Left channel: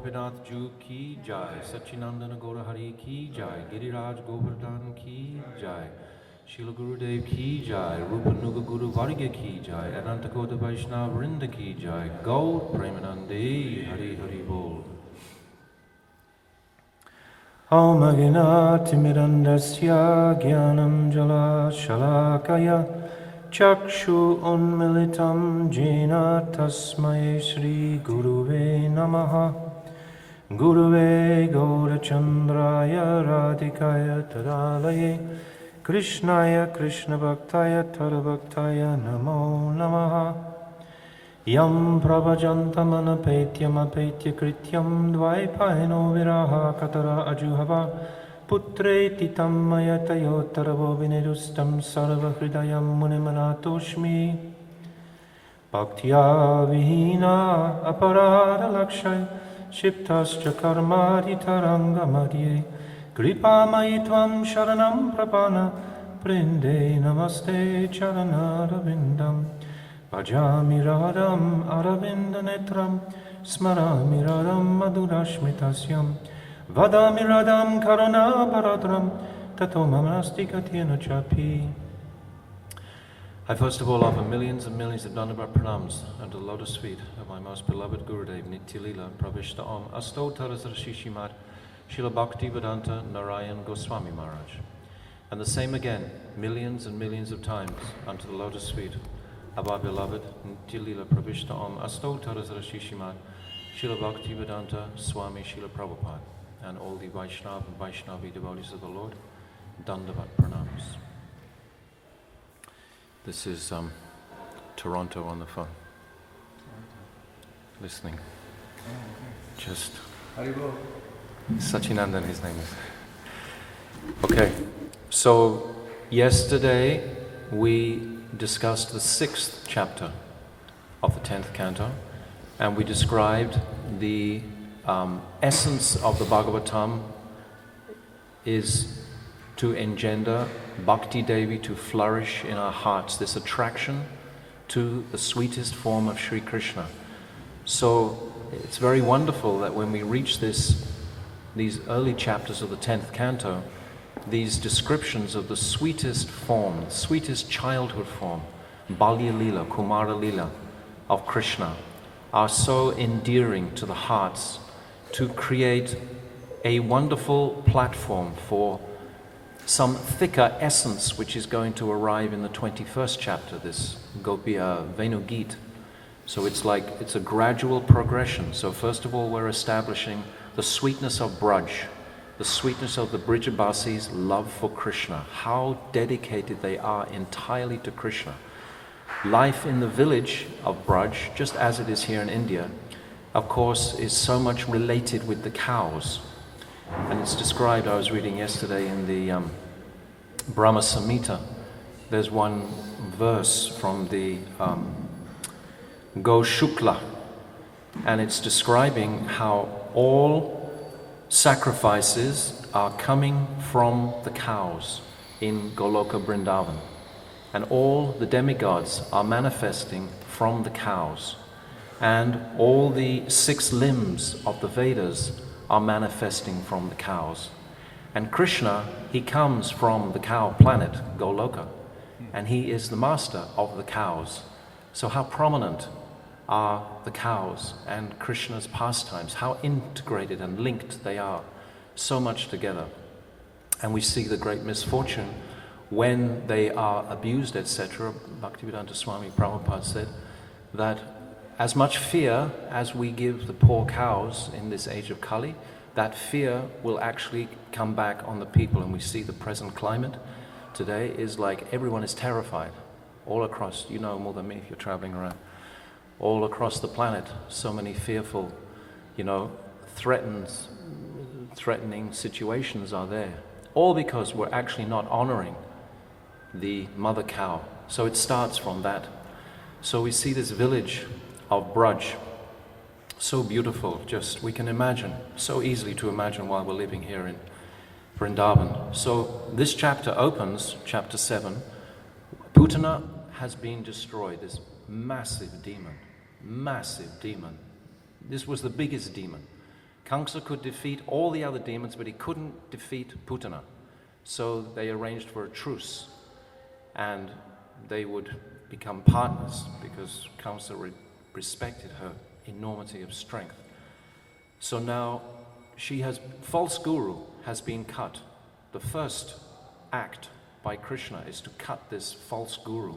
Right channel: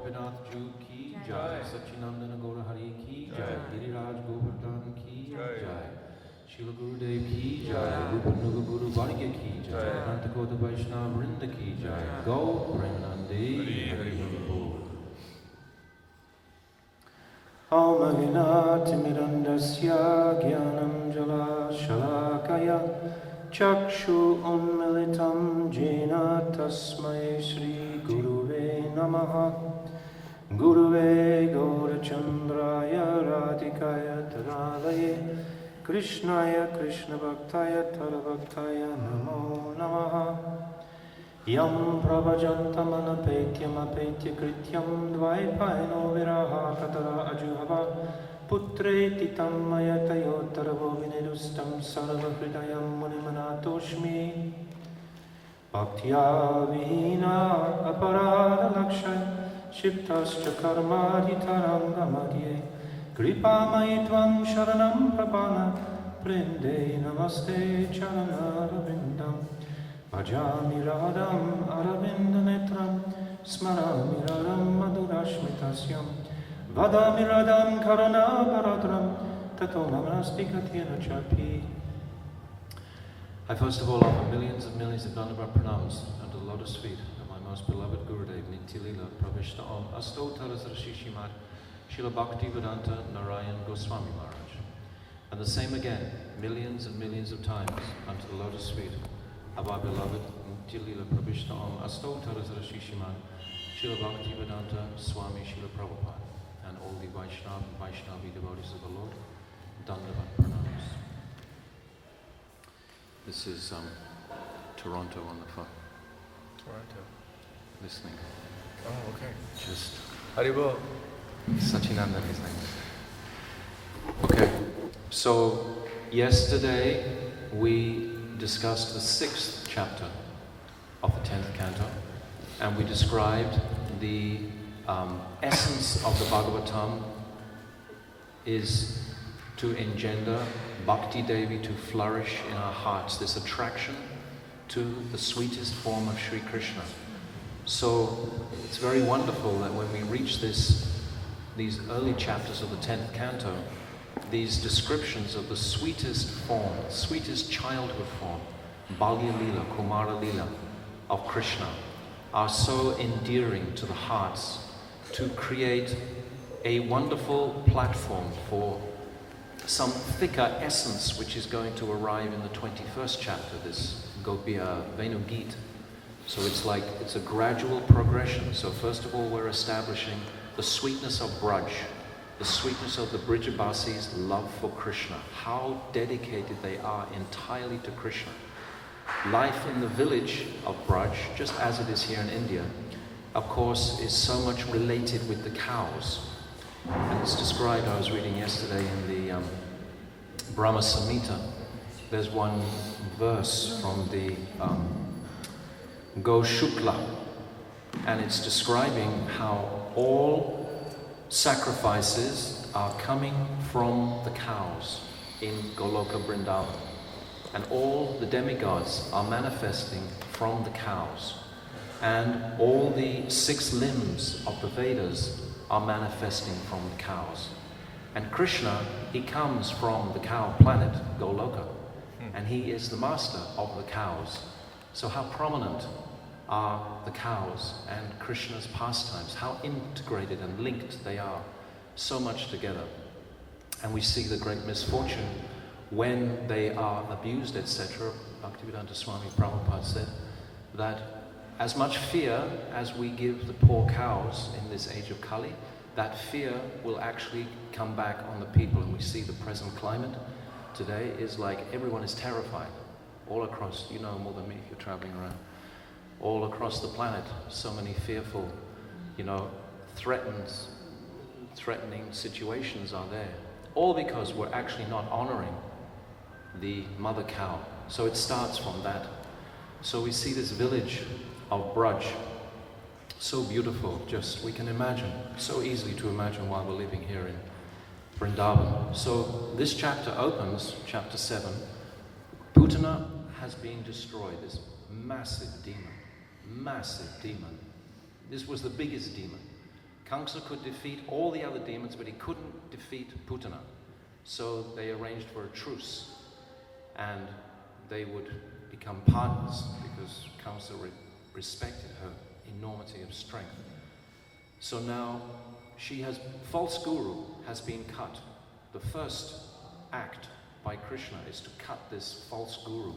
Gopinath Ju ki jai, Sachinandana Gaurahari ki jai, Giriraj Govardhan ki jai, Srila Gurudev ki jai, Rupanuga Guru Varga ki jai, Anantakota Vaishnava Vrinda ki jai, Gaur Premanande Hari Hari Bol. Om Aginati Mirandasya Gyanam Jala Shalakaya Chakshu Unmilitam Jena Tasmai Shri Guruve Namaha Guruve Gaurachandraya Radhikaya Tadalaye Krishnaya Krishna Bhaktaya Tadabhaktaya Namo Namaha Yam Pravajantam Anapetyam Apetya Krityam Dvaipahino Viraha Katara Ajuhava Putreti Tammayatayo Taravo Vinedustam Sarva Hridayam Munimanatoshmi Bhaktya Vihina Aparada Lakshay Shiptascha Karmadi Taranga Madhye Kripa Maitvam Sharanam Prapana Prinde Namaste Charanara Vindam Bhajami Radham Aravinda Netram Smarami Radham Madhurashmitasyam Vadami Radham Karana Paradram Tato Mamanasti Katyena Chapi. I first of all offer millions and millions of Dandavat pranams under the lotus feet of my most beloved Gurudev Nityalila Pravishta Om Asto Tarasar Shishimad Srila Bhakti Vedanta Narayan Goswami Maharaj. And the same again, millions and millions of times unto the lotus feet of our beloved Nityalila Pravishta Om Asto Tarasar Shishimad Srila Bhakti Vedanta Swami Srila Prabhupada. And all the Vaishnava and Vaishnavi devotees of the Lord, Dandavat pranams. This is Toronto on the phone. Toronto. Listening. Oh, okay. Just Haribol. Sachinandan, his name is. Okay, so yesterday we discussed the 6th chapter of the 10th canto, and we described the essence of the Bhagavatam is to engender Bhakti Devi to flourish in our hearts, this attraction to the sweetest form of Sri Krishna. So it's very wonderful that when we reach these early chapters of the 10th canto, these descriptions of the sweetest form, sweetest childhood form, Balya Lila, Kumara Lila of Krishna, are so endearing to the hearts to create a wonderful platform for some thicker essence which is going to arrive in the 21st chapter, this Gopiya Venu Geet. So it's a gradual progression. So first of all, we're establishing the sweetness of Braj, the sweetness of the Brijavasis' love for Krishna, how dedicated they are entirely to Krishna. Life in the village of Braj, just as it is here in India, of course, is so much related with the cows. And it's described, I was reading yesterday in the Brahma Samhita, there's one verse from the Go Shukla, and it's describing how all sacrifices are coming from the cows in Goloka Vrindavan. And all the demigods are manifesting from the cows. And all the 6 limbs of the Vedas are manifesting from the cows. And Krishna, he comes from the cow planet, Goloka, and he is the master of the cows. So how prominent are the cows and Krishna's pastimes, how integrated and linked they are, so much together. And we see the great misfortune when they are abused, etc. Bhaktivedanta Swami Prabhupada said that as much fear as we give the poor cows in this age of Kali, that fear will actually come back on the people. And we see the present climate today is like everyone is terrified. All across, you know more than me if you're traveling around, all across the planet, so many fearful, threatening situations are there. All because we're actually not honoring the mother cow. So it starts from that. So we see this village of Braj, so beautiful, just we can imagine, so easily to imagine while we're living here in Vrindavan. So this chapter opens, chapter 7, Putana has been destroyed, this massive demon. This was the biggest demon. Kamsa could defeat all the other demons, but he couldn't defeat Putana. So they arranged for a truce, and they would become partners because Kamsa respected her enormity of strength. So now false guru has been cut. The first act by Krishna is to cut this false guru.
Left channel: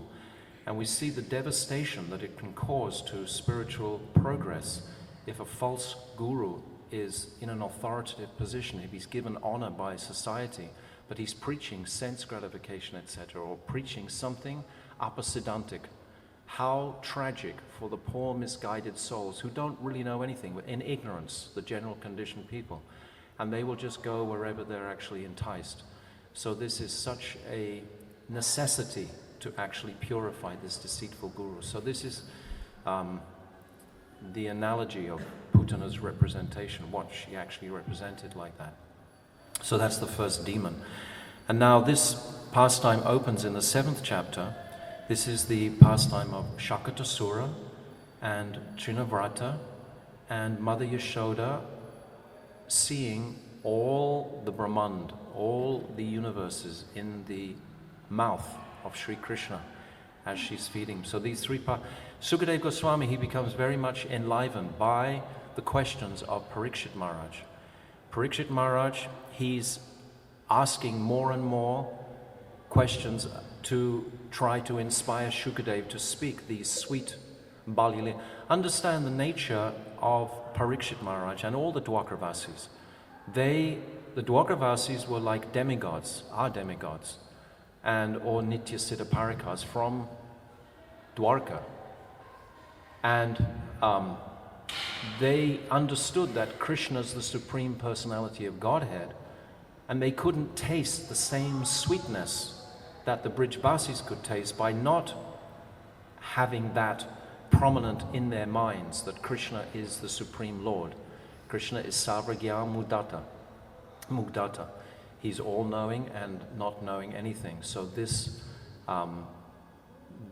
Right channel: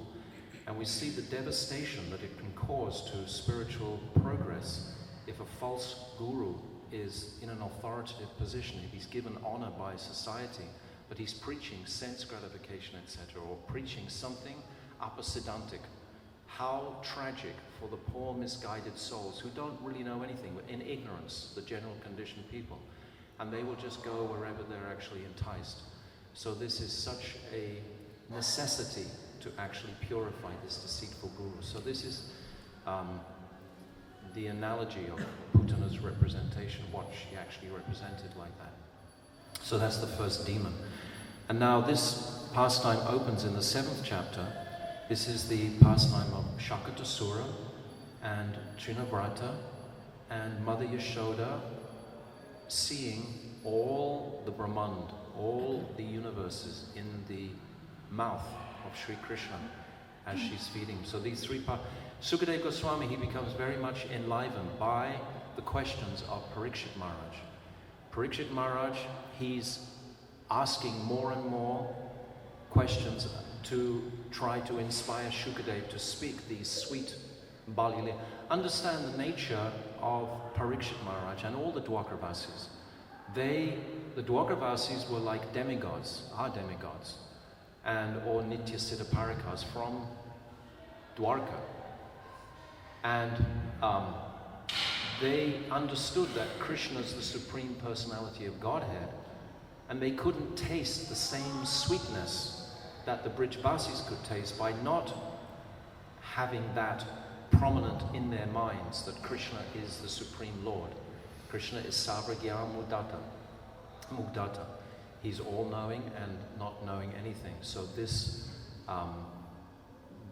And we see the devastation that it can cause to spiritual progress if a false guru is in an authoritative position, if he's given honor by society, but he's preaching sense gratification, etc., or preaching something apasidantic. How tragic for the poor, misguided souls who don't really know anything, in ignorance, the general conditioned people. And they will just go wherever they're actually enticed. So this is such a necessity to actually purify this deceitful guru. So this is the analogy of Putana's representation, what she actually represented like that. So that's the first demon. And now this pastime opens in the 7th chapter. This is the pastime of Sakatasura and Trinavarta and Mother Yashoda seeing all the Brahmand, all the universes in the mouth of Sri Krishna as she's feeding. So these three parts. Sukadeva Goswami, he becomes very much enlivened by the questions of Parikshit Maharaj. Parikshit Maharaj, he's asking more and more questions to try to inspire Shukadeva to speak these sweet Balyali. Understand the nature of Parikshit Maharaj and all the Dwakaravasis. The Dwakaravasis were like demigods, are demigods, or Nitya Siddha Parikas from Dwarka. And they understood that Krishna is the Supreme Personality of Godhead, and they couldn't taste the same sweetness that the Brijbasis could taste by not having that prominent in their minds that Krishna is the Supreme Lord. Krishna is Sarvagya Mugdata. He's all-knowing and not knowing anything. So this,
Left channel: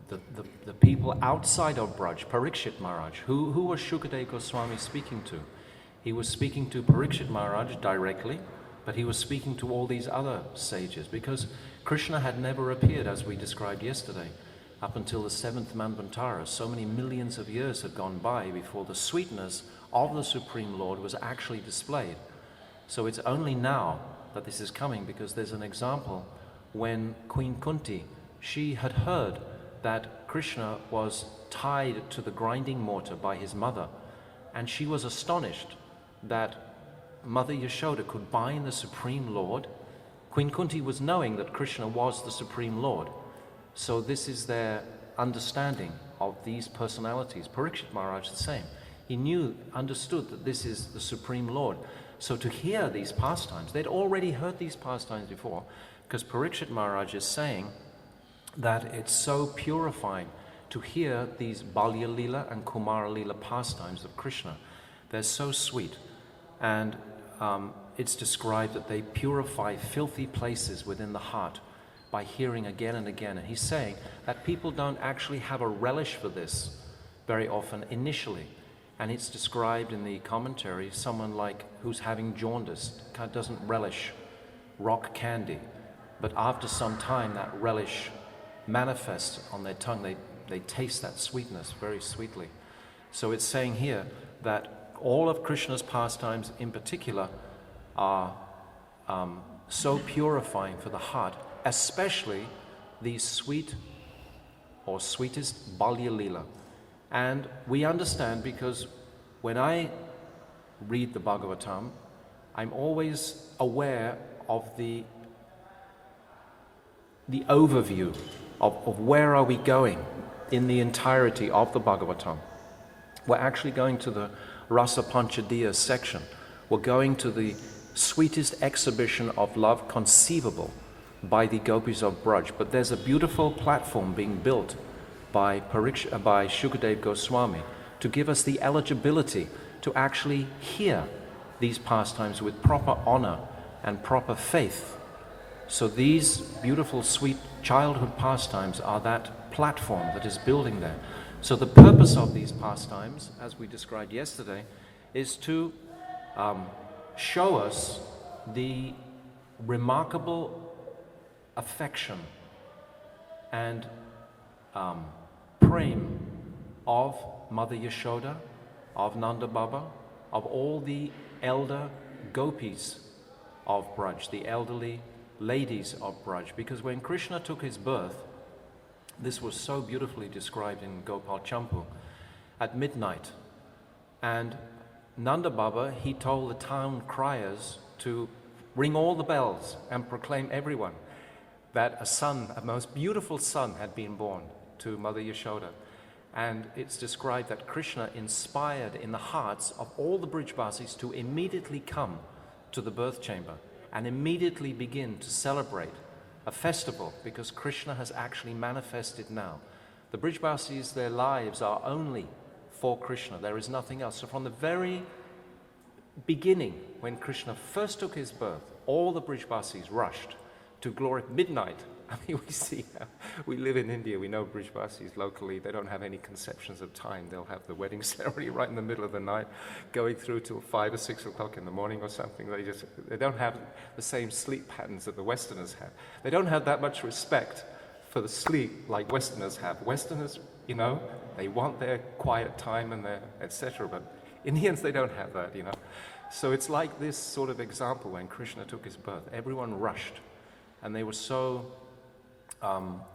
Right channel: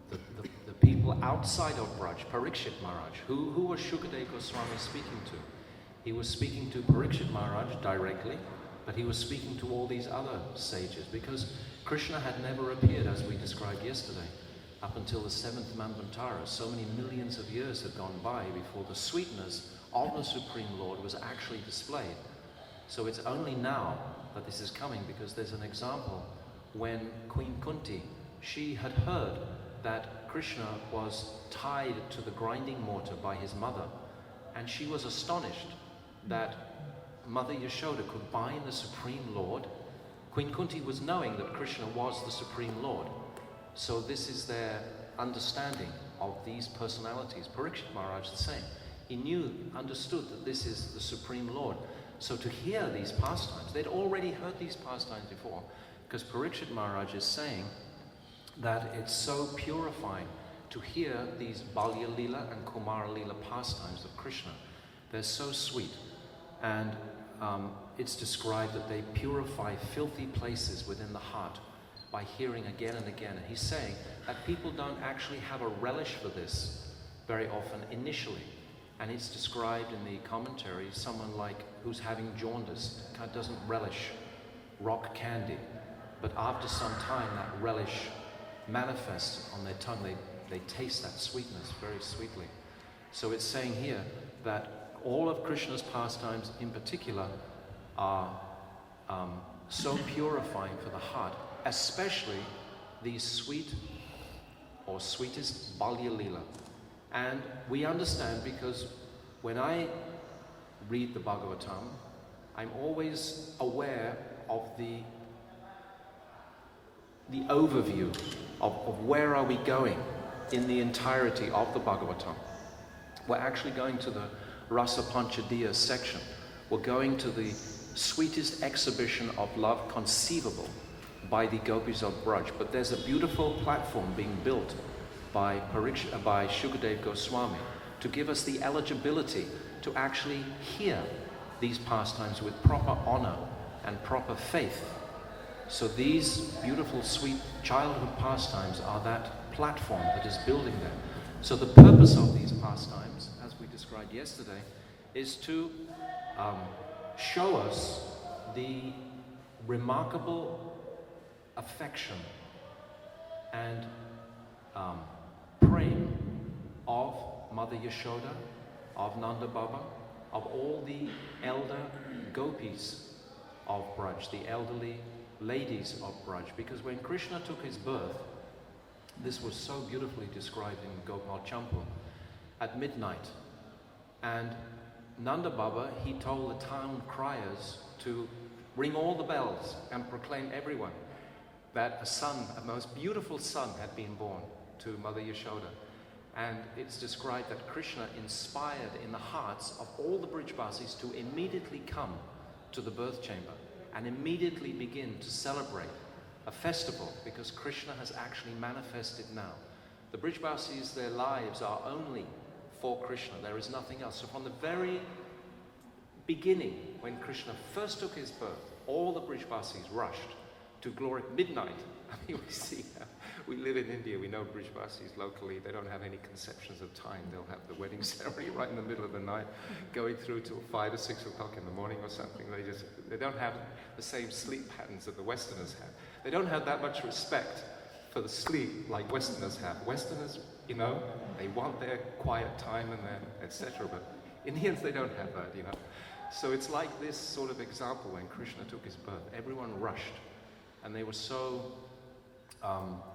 the people outside of Braj, Parikshit Maharaj, who was Shukadeva Goswami speaking to? He was speaking to Parikshit Maharaj directly, but he was speaking to all these other sages because Krishna had never appeared, as we described yesterday, up until the 7th Manvantara. So many millions of years had gone by before the sweetness of the Supreme Lord was actually displayed. So it's only now that this is coming, because there's an example when Queen Kunti, she had heard that Krishna was tied to the grinding mortar by his mother, and she was astonished that Mother Yashoda could bind the Supreme Lord. Queen Kunti was knowing that Krishna was the Supreme Lord. So this is their understanding of these personalities. Parikshit Maharaj the same. He understood that this is the Supreme Lord. So to hear these pastimes, they'd already heard these pastimes before, because Parikshit Maharaj is saying that it's so purifying to hear these Balya Lila and Kumara Lila pastimes of Krishna. They're so sweet. And it's described that they purify filthy places within the heart by hearing again and again. And he's saying that people don't actually have a relish for this very often initially. And it's described in the commentary, someone like who's having jaundice doesn't relish rock candy. But after some time, that relish manifests on their tongue. They taste that sweetness very sweetly. So it's saying here that all of Krishna's pastimes in particular are so purifying for the heart, especially these sweet or sweetest Balya Lila. And we understand because when I read the Bhagavatam, I'm always aware of the overview of where are we going in the entirety of the Bhagavatam. We're actually going to the Rasa Panchadiya section. We're going to the sweetest exhibition of love conceivable by the gopis of Braj. But there's a beautiful platform being built by Shukadeva Goswami to give us the eligibility to actually hear these pastimes with proper honor and proper faith. So these beautiful, sweet childhood pastimes are that platform that is building there. So the purpose of these pastimes, as we described yesterday, is to show us the remarkable affection and prem of Mother Yashoda, of Nanda Baba, of all the elder gopis of Braj, the elderly ladies of Braj. Because when Krishna took his birth, this was so beautifully described in Gopal Champu, at midnight. And Nanda Baba, he told the town criers to ring all the bells and proclaim everyone that a son, a most beautiful son, had been born to Mother Yashoda. And it's described that Krishna inspired in the hearts of all the Brijbasis to immediately come to the birth chamber and immediately begin to celebrate a festival, because Krishna has actually manifested now. The Brijbasis, their lives are only for Krishna. There is nothing else. So from the very beginning, when Krishna first took his birth, all the Brijbasis rushed to glory midnight. I mean, we see, we live in India, we know Brijbasis locally, they don't have any conceptions of time. They'll have the wedding ceremony right in the middle of the night, going through till 5 or 6 o'clock in the morning or something. They don't have the same sleep patterns that the Westerners have. They don't have that much respect for the sleep like Westerners have. Westerners, you know, they want their quiet time and their etc. But Indians, they don't have that, you know. So it's like this sort of example when Krishna took his birth. Everyone rushed, and they were so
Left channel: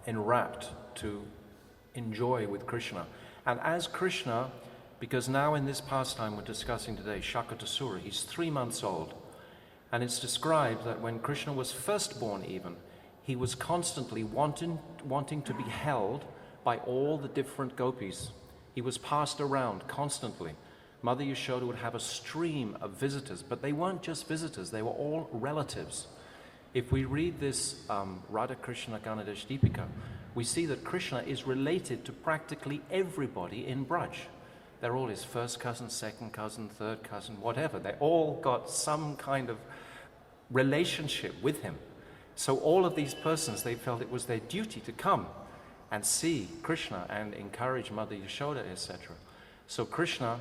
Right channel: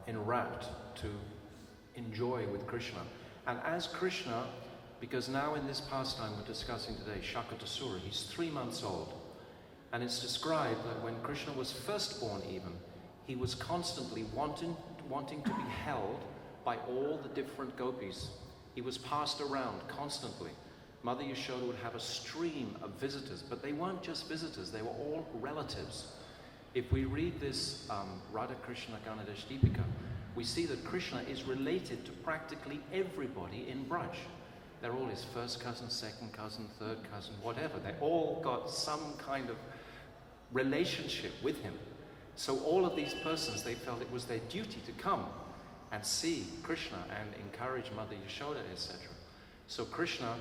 enwrapped to enjoy with Krishna. And as Krishna, because now in this pastime we're discussing today, Sakatasura, he's 3 months old. And it's described that when Krishna was first born even, he was constantly wanting to be held by all the different gopis. He was passed around constantly. Mother Yashoda would have a stream of visitors, but they weren't just visitors, they were all relatives. If we read this Radha Krishna Ganadesh Deepika, we see that Krishna is related to practically everybody in Braj. They're all his first cousin, second cousin, third cousin, whatever. They all got some kind of relationship with him. So all of these persons, they felt it was their duty to come and see Krishna and encourage Mother Yashoda, etc. So Krishna,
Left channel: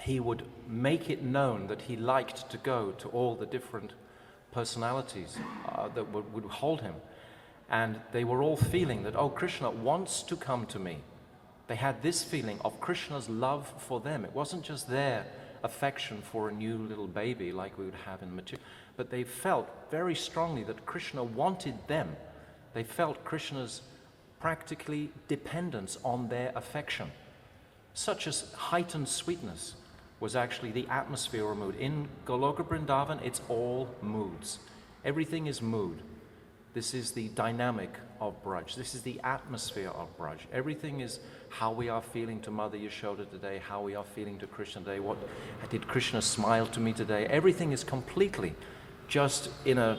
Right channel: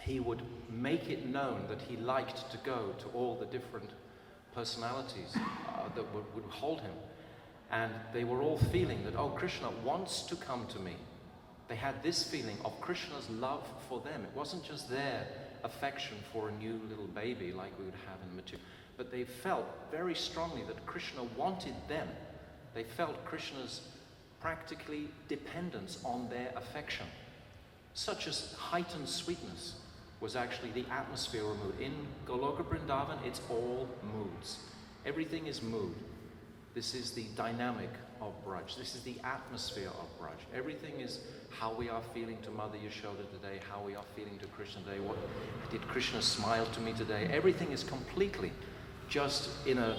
he would make it known that he liked to go to all the different personalities that would hold him. And they were all feeling that, oh, Krishna wants to come to me. They had this feeling of Krishna's love for them. It wasn't just their affection for a new little baby like we would have in material, but they felt very strongly that Krishna wanted them. They felt Krishna's practically dependence on their affection. Such as heightened sweetness was actually the atmosphere or mood. In Goloka Vrindavan, it's all moods. Everything is mood. This is the dynamic of Braj. This is the atmosphere of Braj. Everything is how we are feeling to Mother Yashoda today, how we are feeling to Krishna today. What did Krishna smile to me today? Everything is completely just in a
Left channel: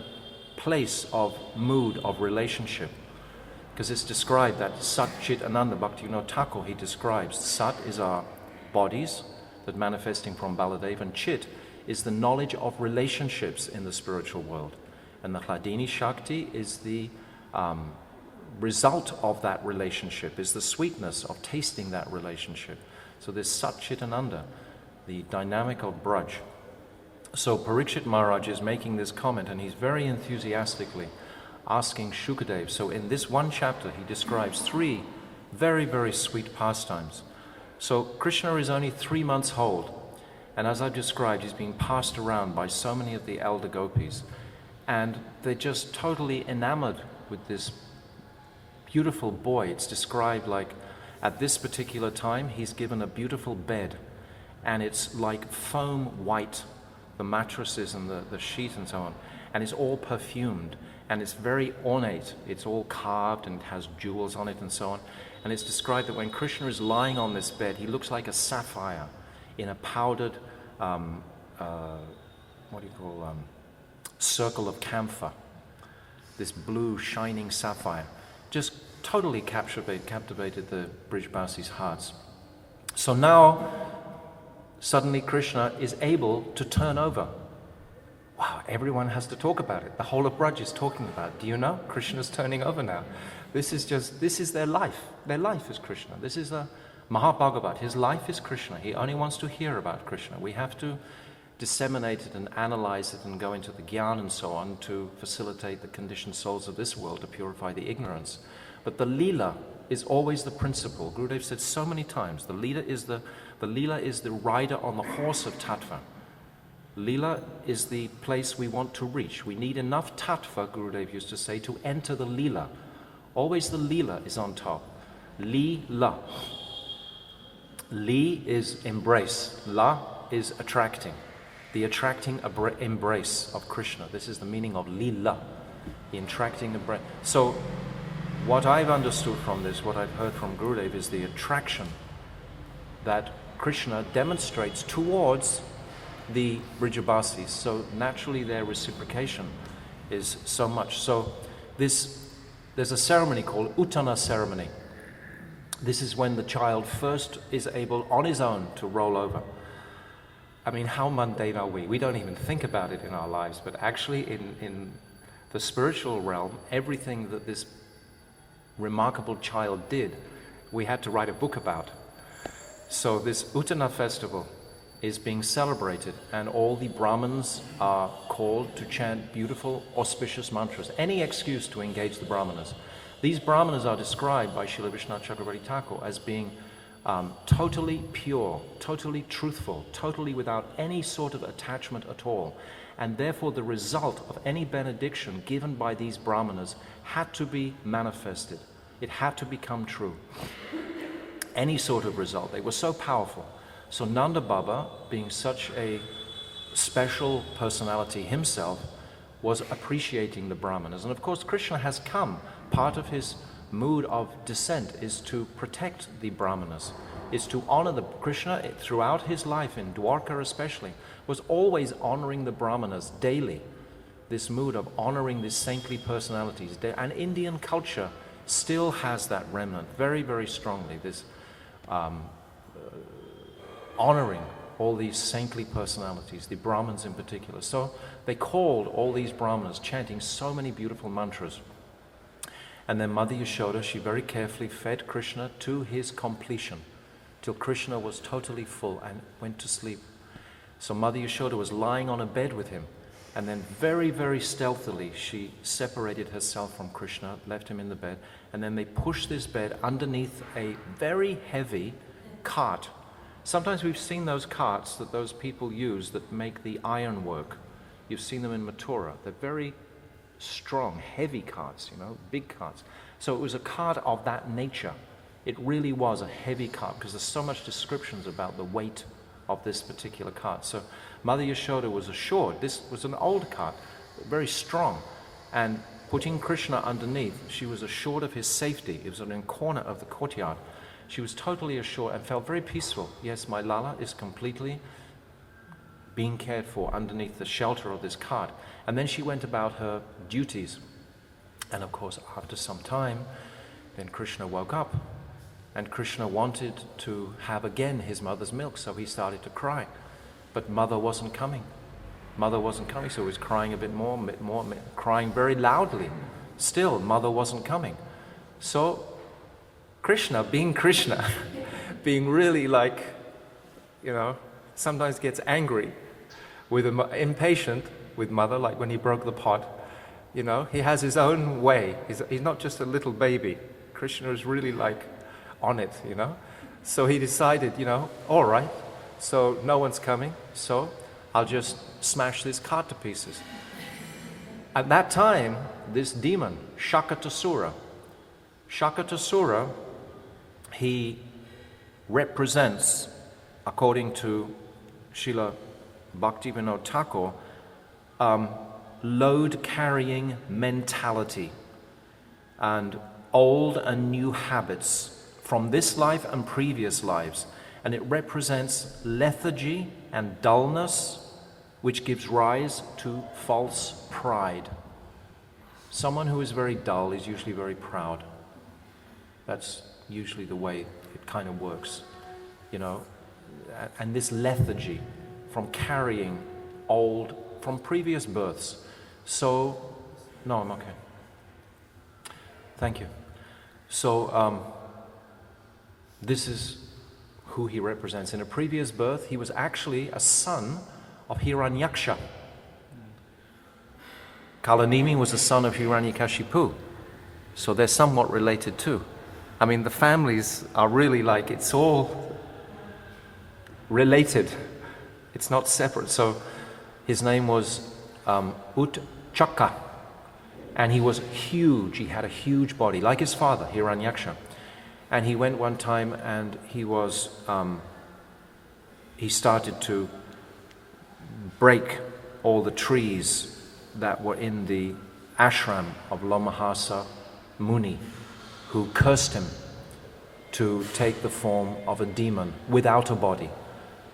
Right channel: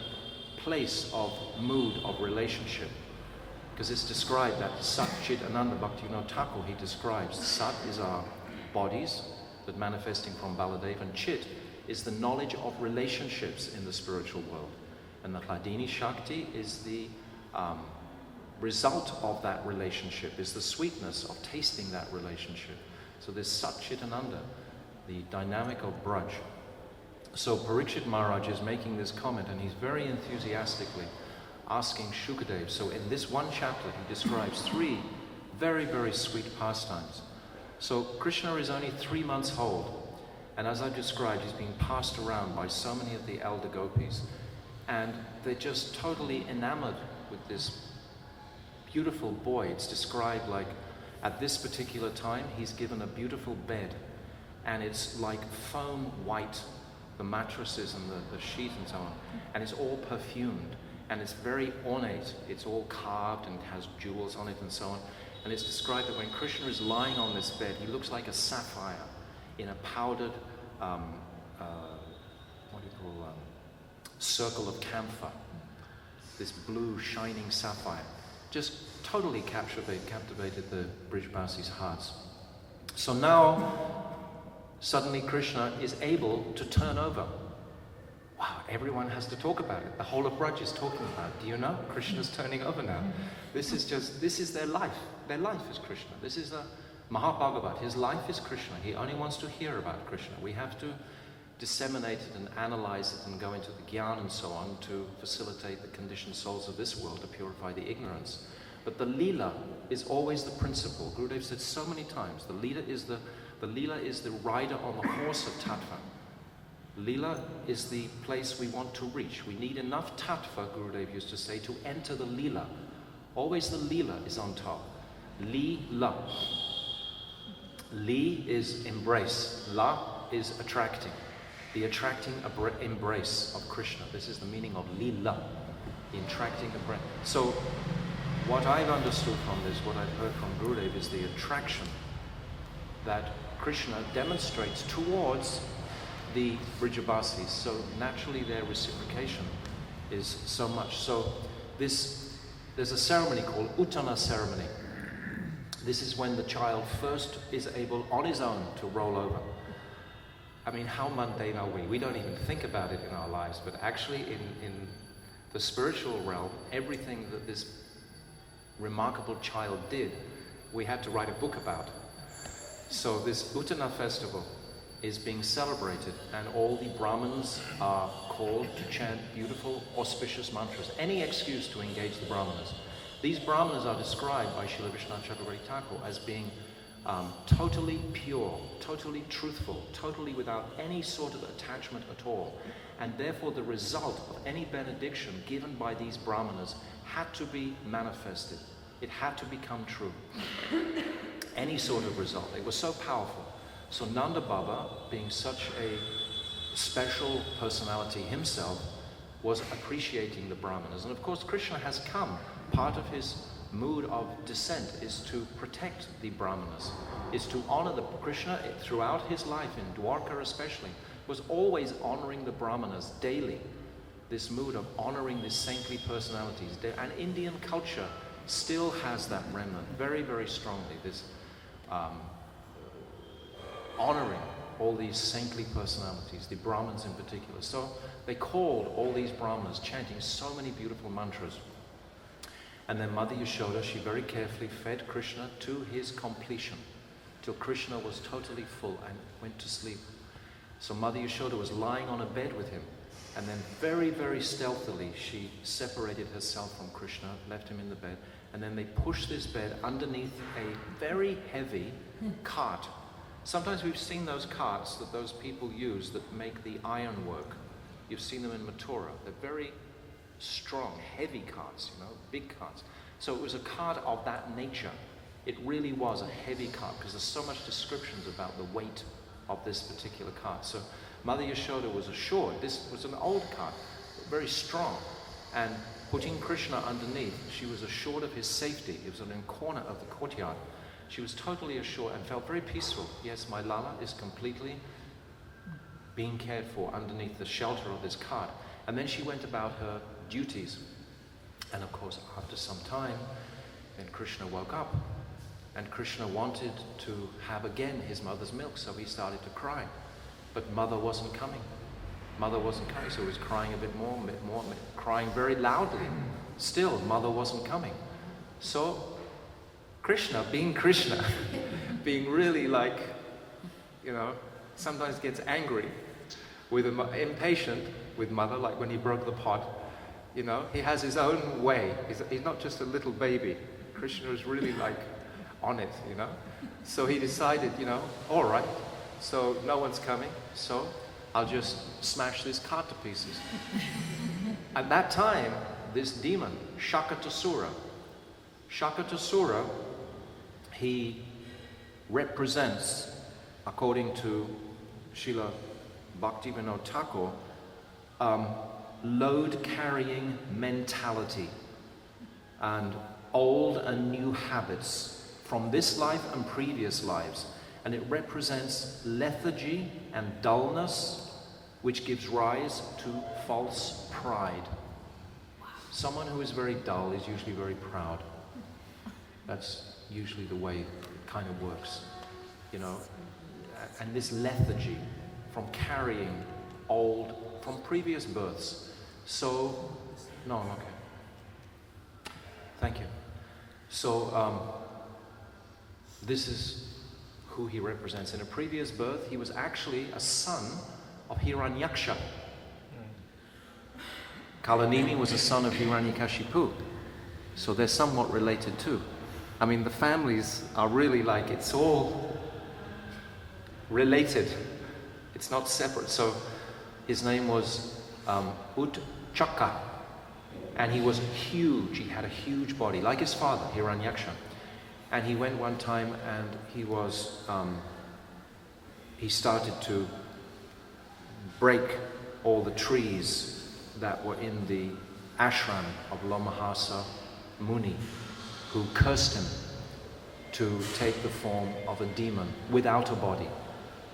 place of mood, of relationship. Because it's described that Sat Chit Ananda Bhaktivinoda Thakur, he describes Sat is our bodies that manifesting from Baladev, and Chit is the knowledge of relationships in the spiritual world. And the Hladini Shakti is the result of that relationship, is the sweetness of tasting that relationship. So this Sat Chit Ananda, the dynamic of Braj. So Parikshit Maharaj is making this comment, and he's very enthusiastically asking Shukadev. So in this one chapter, he describes 3 very, very sweet pastimes. So Krishna is only 3 months old, and as I've described, he's being passed around by so many of the elder gopis, and they're just totally enamored with this beautiful boy. It's described like at this particular time, he's given a beautiful bed, and it's like foam white, the mattresses and the sheet and so on, and it's all perfumed, and it's very ornate. It's all carved and has jewels on it and so on. And it's described that when Krishna is lying on this bed, he looks like a sapphire in a powdered, circle of camphor. This blue, shining sapphire. Just totally captivated the Brijbasis' hearts. So now, suddenly Krishna is able to turn over. Wow, everyone has to talk about it. The whole of Braj is talking about it. Do you know? Krishna's turning over now. This is their life. Their life is Krishna. This is a Mahabhagavat. His life is Krishna. He only wants to hear about Krishna. We have to disseminate it and analyze it and go into the Gyan and so on to facilitate the conditioned souls of this world to purify the ignorance. But the Leela is always the principle. Gurudev said so many times, the Leela is the rider on the horse of Tattva. Leela is the place we want to reach. We need enough Tattva, Gurudev used to say, to enter the Leela. Always the Leela is on top. Leela. Li is embrace. La is attracting. The attracting embrace of Krishna. This is the meaning of Leela. The attracting embrace. So, what I've understood from this, what I've heard from Gurudev, is the attraction that Krishna demonstrates towards the Vrijabasis. So naturally their reciprocation is so much. So there's a ceremony called Putana ceremony. This is when the child first is able on his own to roll over. I mean, how mundane are we? We don't even think about it in our lives, but actually in the spiritual realm, everything that this remarkable child did, we had to write a book about. So this Putana festival is being celebrated, and all the Brahmins are called to chant beautiful, auspicious mantras. Any excuse to engage the Brahmanas. These Brahmanas are described by Srila Vishwanath Chakravarti Thakur as being totally pure, totally truthful, totally without any sort of attachment at all. And therefore the result of any benediction given by these Brahmanas had to be manifested. It had to become true. Any sort of result. They were so powerful. So Nanda Baba, being such a special personality himself, was appreciating the Brahmanas. And of course Krishna has come. Part of his mood of descent is to protect the Brahmanas, is to honor the Krishna throughout his life, in Dwarka especially, was always honoring the Brahmanas daily. This mood of honoring these saintly personalities. And Indian culture still has that remnant very, very strongly, this honoring all these saintly personalities, the Brahmins in particular. So they called all these Brahmanas, chanting so many beautiful mantras. And then Mother Yashoda, she very carefully fed Krishna to his completion, till Krishna was totally full and went to sleep. So Mother Yashoda was lying on a bed with him, and then very, very stealthily she separated herself from Krishna, left him in the bed, and then they pushed this bed underneath a very heavy cart. Sometimes we've seen those carts that those people use that make the iron work. You've seen them in Mathura. They're very strong, heavy carts, big carts. So it was a cart of that nature. It really was a heavy cart, because there's so much descriptions about the weight of this particular cart. So Mother Yashoda was assured, this was an old cart, very strong, and putting Krishna underneath, she was assured of his safety. It was in a corner of the courtyard. She was totally assured and felt very peaceful. Yes, my Lala is completely being cared for underneath the shelter of this cart. And then she went about her duties. And of course, after some time, then Krishna woke up. And Krishna wanted to have again his mother's milk, so he started to cry. But mother wasn't coming. Mother wasn't coming, so he was crying a bit more, crying very loudly. Still, mother wasn't coming. So Krishna, being really sometimes gets angry, impatient with mother, like when he broke the pot. He has his own way. He's not just a little baby. Krishna is really on it, So he decided, all right, so no one's coming, so I'll just smash this cart to pieces. At that time, this demon, Sakatasura, he represents, according to Srila Bhaktivinoda Thakur, load-carrying mentality and old and new habits from this life and previous lives. And it represents lethargy and dullness, which gives rise to false pride. Someone who is very dull is usually very proud. That's usually the way it kind of works, And this lethargy from carrying from previous births. So, no, I'm okay. Thank you. So, this is who he represents. In a previous birth, he was actually a son of Hiranyaksha. Kalanimi was the son of Hiranyakashipu, so they're somewhat related too. I mean, the families are really like, it's all related. It's not separate. So his name was Utchaka, and he was huge. He had a huge body, like his father, Hiranyaksha. And he went one time and he started to break all the trees that were in the ashram of Lomahasa Muni, who cursed him to take the form of a demon without a body.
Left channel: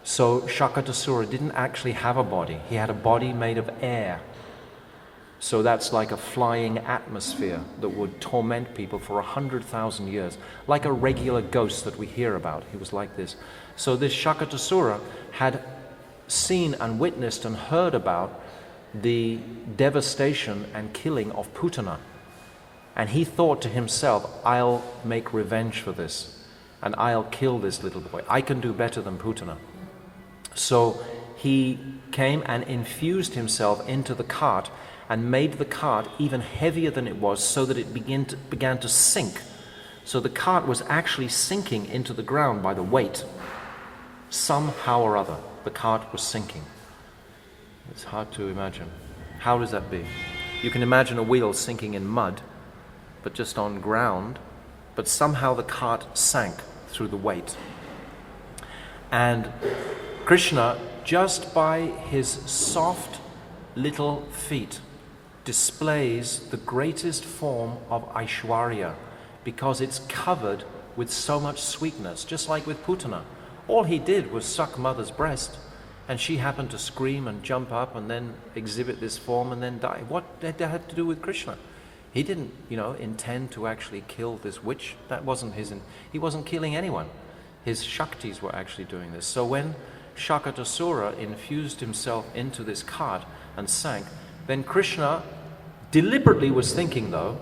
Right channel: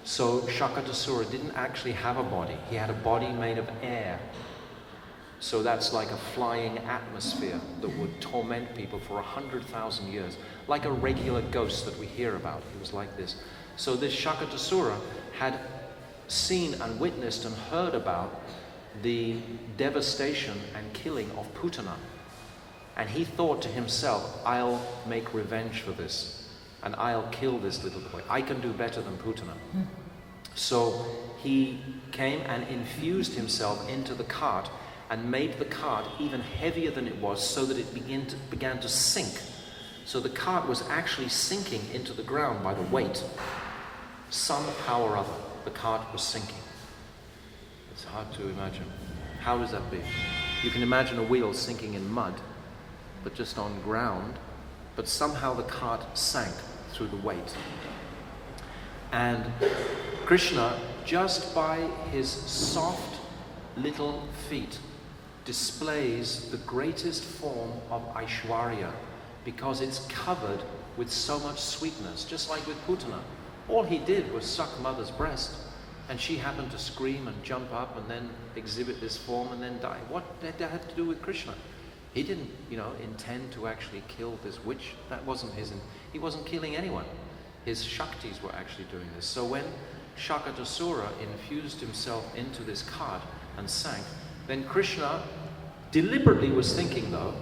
So Sakatasura didn't actually have a body. He had a body made of air. So that's like a flying atmosphere that would torment people for 100,000 years, like a regular ghost that we hear about. He was like this. So this Sakatasura had seen and witnessed and heard about the devastation and killing of Putana. And he thought to himself, I'll make revenge for this, and I'll kill this little boy. I can do better than Putana. So he came and infused himself into the cart and made the cart even heavier than it was, so that it began to sink. So the cart was actually sinking into the ground by the weight. Somehow or other, the cart was sinking. It's hard to imagine. How does that be? You can imagine a wheel sinking in mud, but just on ground, but somehow the cart sank through the weight. And Krishna, just by his soft little feet, displays the greatest form of Aishwarya, because it's covered with so much sweetness, just like with Putana. All he did was suck mother's breast, and she happened to scream and jump up and then exhibit this form and then die. What did that have to do with Krishna? He didn't, intend to actually kill this witch. That wasn't he wasn't killing anyone. His Shaktis were actually doing this. So when Sakatasura infused himself into this cart and sank, then Krishna deliberately was thinking, though,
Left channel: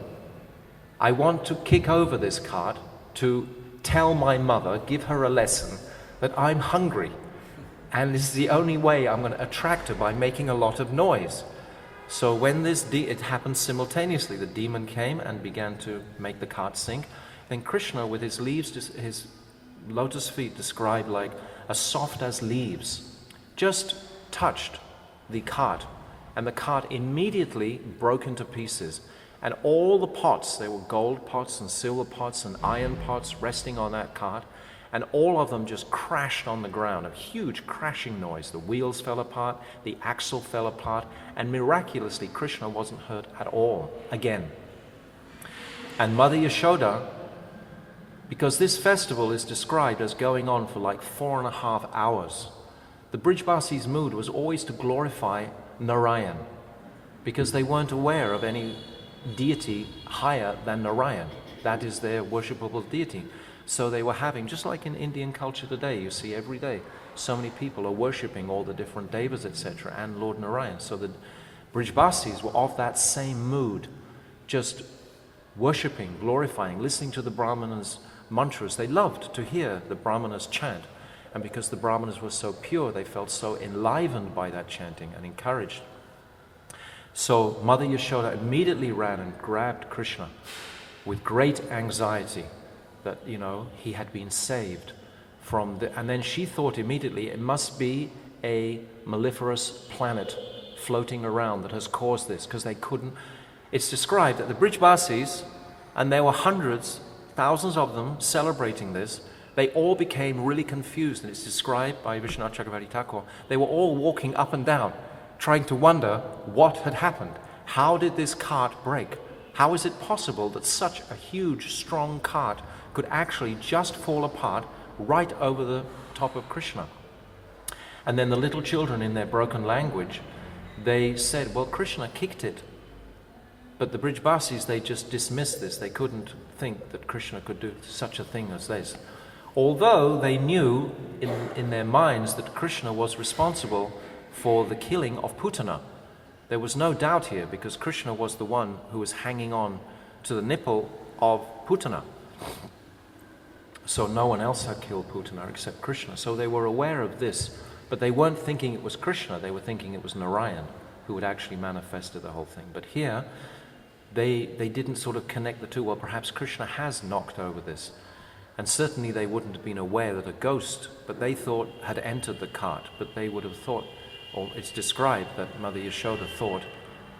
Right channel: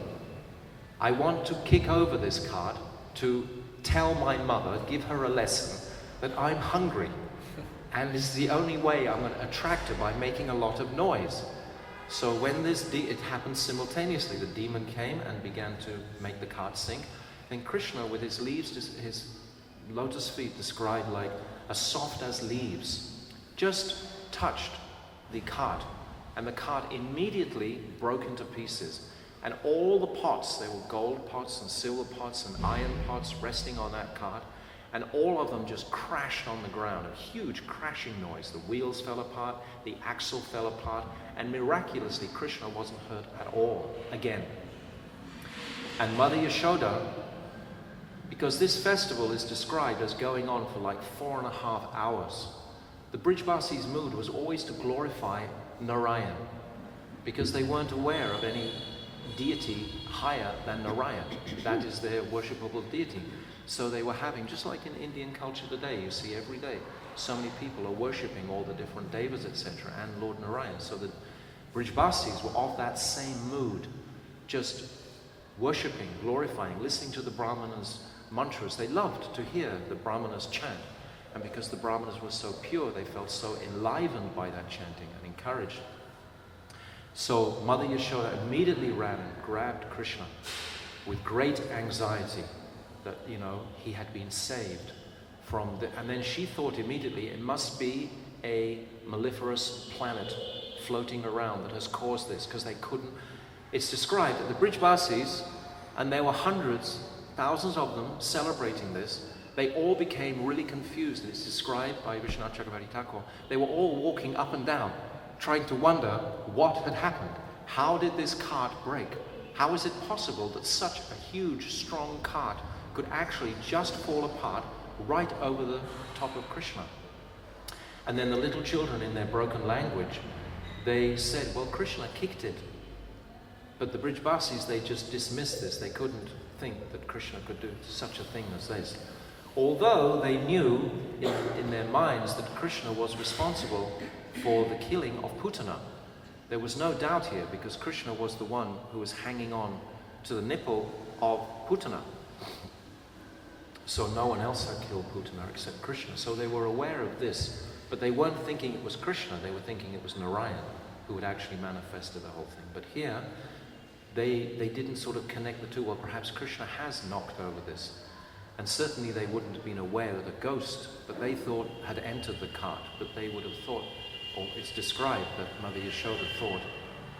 I want to kick over this cart to tell my mother, give her a lesson, that I'm hungry. And this is the only way I'm going to attract her, by making a lot of noise. So when it happened simultaneously, the demon came and began to make the cart sink. Then Krishna, with his leaves, his lotus feet described like as soft as leaves, just touched the cart. And the cart immediately broke into pieces. And all the pots, there were gold pots and silver pots and iron pots resting on that cart, and all of them just crashed on the ground, a huge crashing noise. The wheels fell apart, the axle fell apart, and miraculously Krishna wasn't hurt at all again. And Mother Yashoda, because this festival is described as going on for like 4.5 hours, the Brijbasis' mood was always to glorify Narayan, because they weren't aware of any deity higher than Narayan. That is their worshipable deity. So they were having, just like in Indian culture today, you see every day, so many people are worshipping all the different devas, etc., and Lord Narayan. So the Brijbasis were of that same mood, just worshipping, glorifying, listening to the Brahmanas' mantras. They loved to hear the Brahmanas chant. And because the Brahmanas were so pure, they felt so enlivened by that chanting and encouraged. So Mother Yashoda immediately ran and grabbed Krishna with great anxiety that, he had been saved from and then she thought immediately it must be a maleferous planet floating around that has caused this, because they couldn't. It's described that the Brijbasis, and there were hundreds, thousands of them celebrating this, they all became really confused, and it's described by Vishwanath Chakravarti Thakur. They were all walking up and down, trying to wonder what had happened. How did this cart break? How is it possible that such a huge, strong cart could actually just fall apart right over the top of Krishna? And then the little children, in their broken language, they said, well, Krishna kicked it. But the Brijbasis, they just dismissed this. They couldn't think that Krishna could do such a thing as this. Although they knew in their minds that Krishna was responsible for the killing of Putana. There was no doubt here, because Krishna was the one who was hanging on to the nipple of Putana. So no one else had killed Putana except Krishna. So they were aware of this But they weren't thinking it was Krishna, they were thinking it was Narayan who had actually manifested the whole thing. But here, they didn't sort of connect the two. Well, perhaps Krishna has knocked over this. And certainly they wouldn't have been aware that a ghost, but they thought, had entered the cart. But they would have thought, or it's described that Mother Yashoda thought,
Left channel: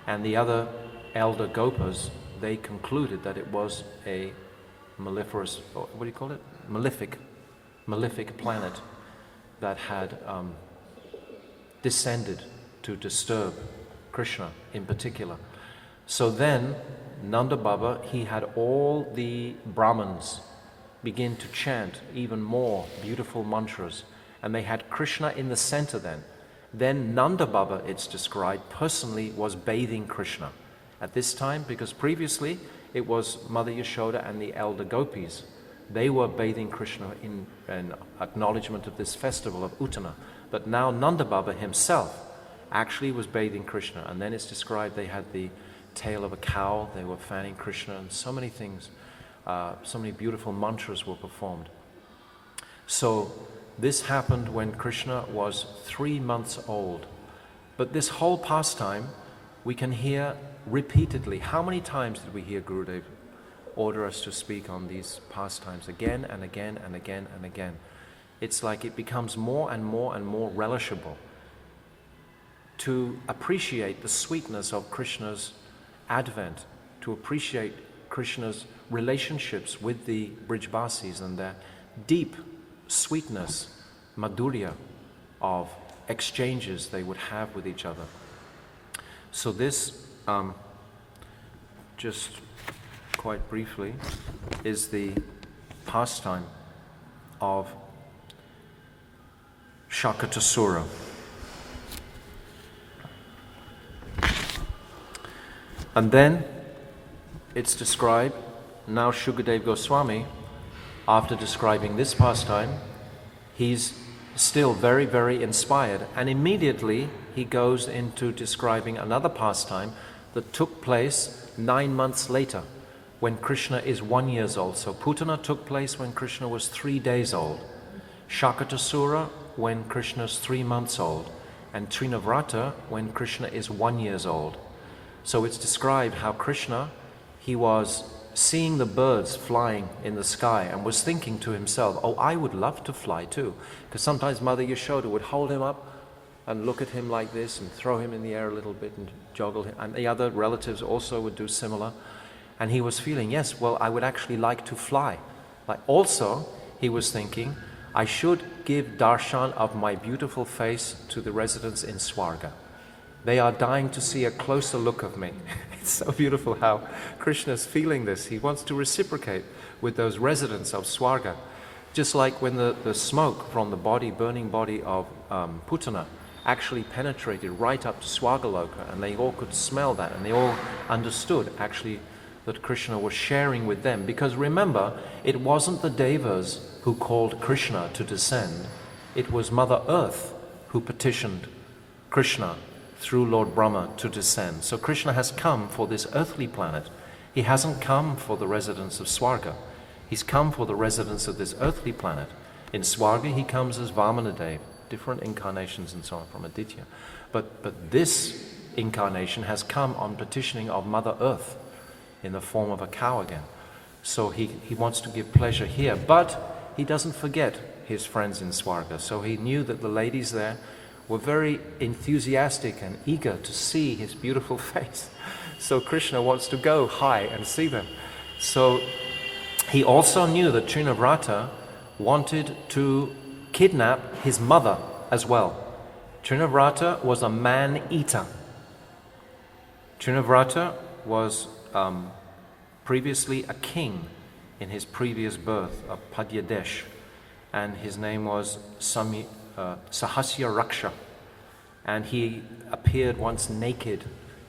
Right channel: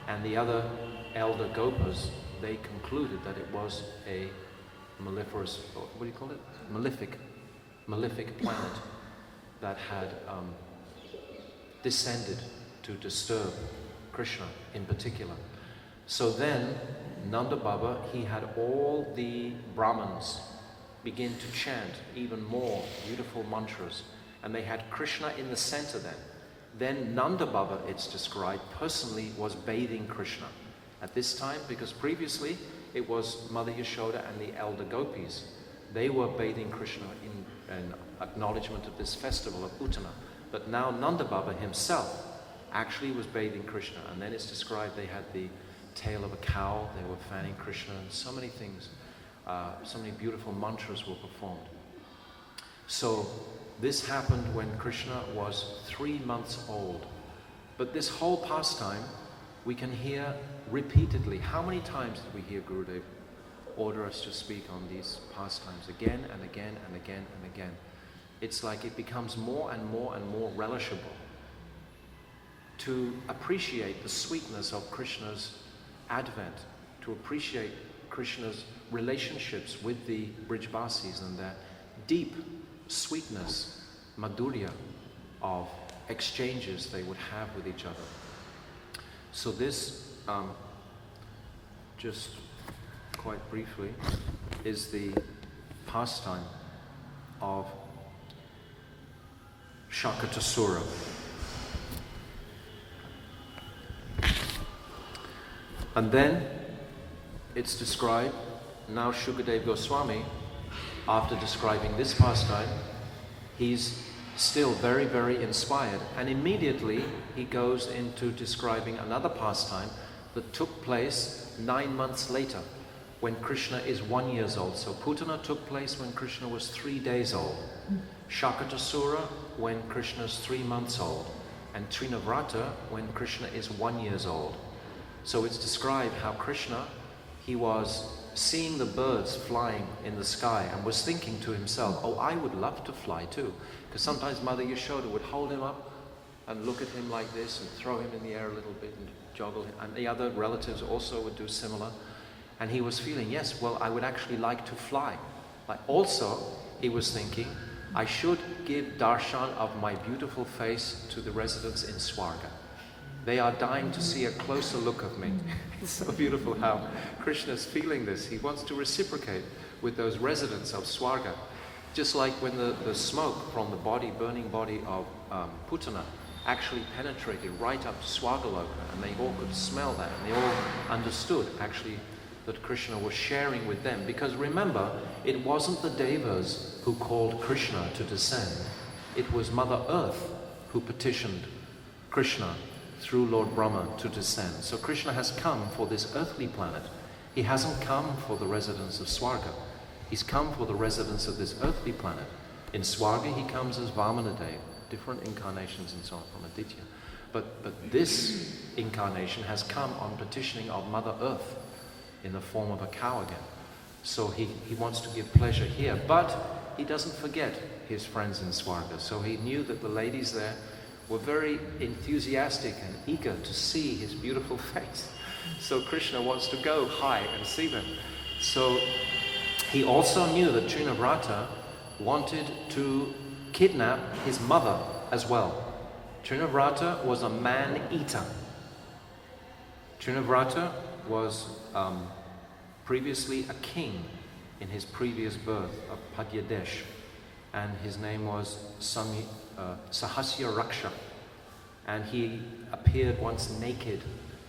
and the other elder Gopas, they concluded that it was a maleferous, or what do you call it? Malefic planet that had descended to disturb Krishna in particular. So then, Nanda Baba, he had all the Brahmins begin to chant even more beautiful mantras, and they had Krishna in the center then. Then Nanda Baba, it's described, personally was bathing Krishna at this time, because previously it was Mother Yashoda and the elder gopis. They were bathing Krishna in acknowledgement of this festival of Putana. But now Nanda Baba himself actually was bathing Krishna, and then it's described they had the tail of a cow, they were fanning Krishna, and so many things, so many beautiful mantras were performed. So this happened when Krishna was 3 months old. But this whole pastime we can hear repeatedly. How many times did we hear Gurudev order us to speak on these pastimes again and again and again and again? It's like it becomes more and more and more relishable to appreciate the sweetness of Krishna's advent, to appreciate Krishna's relationships with the Brijvasis and their deep sweetness, madhurya of exchanges they would have with each other. So this, just quite briefly, is the pastime of Sakatasura. And then it's described, now Shukadev Goswami, after describing this pastime, he's still very, very inspired, and immediately he goes into describing another pastime that took place 9 months later, when Krishna is 1 year old. So Putana took place when Krishna was 3 days old, Sakatasura when Krishna is 3 months old, and Trinavarta when Krishna is 1 year old. So it's described how Krishna, he was seeing the birds flying in the sky and was thinking to himself, oh, I would love to fly too. Because sometimes Mother Yashoda would hold him up and look at him like this and throw him in the air a little bit and joggle him. And the other relatives also would do similar. And he was feeling, yes, well, I would actually like to fly. Like also, he was thinking, I should give darshan of my beautiful face to the residents in Swarga. They are dying to see a closer look of me. It's so beautiful how Krishna is feeling this. He wants to reciprocate with those residents of Swarga. Just like when the smoke from the body, burning body of Putana actually penetrated right up to Swargaloka, and they all could smell that, and they all understood actually that Krishna was sharing with them. Because remember, it wasn't the Devas who called Krishna to descend. It was Mother Earth who petitioned Krishna through Lord Brahma to descend. So Krishna has come for this earthly planet. He hasn't come for the residents of Swarga. He's come for the residents of this earthly planet. In Swarga he comes as Vamanadev, different incarnations and so on from Aditya. But this incarnation has come on petitioning of Mother Earth in the form of a cow again. So he wants to give pleasure here, but he doesn't forget his friends in Swarga. So he knew that the ladies there were very enthusiastic and eager to see his beautiful face. So Krishna wants to go high and see them. So he also knew that Trinavrata wanted to kidnap his mother as well. Trinavrata was a man-eater. Trinavrata was previously a king in his previous birth of Padyadesh, and his name was Sahasya Raksha, and he appeared once naked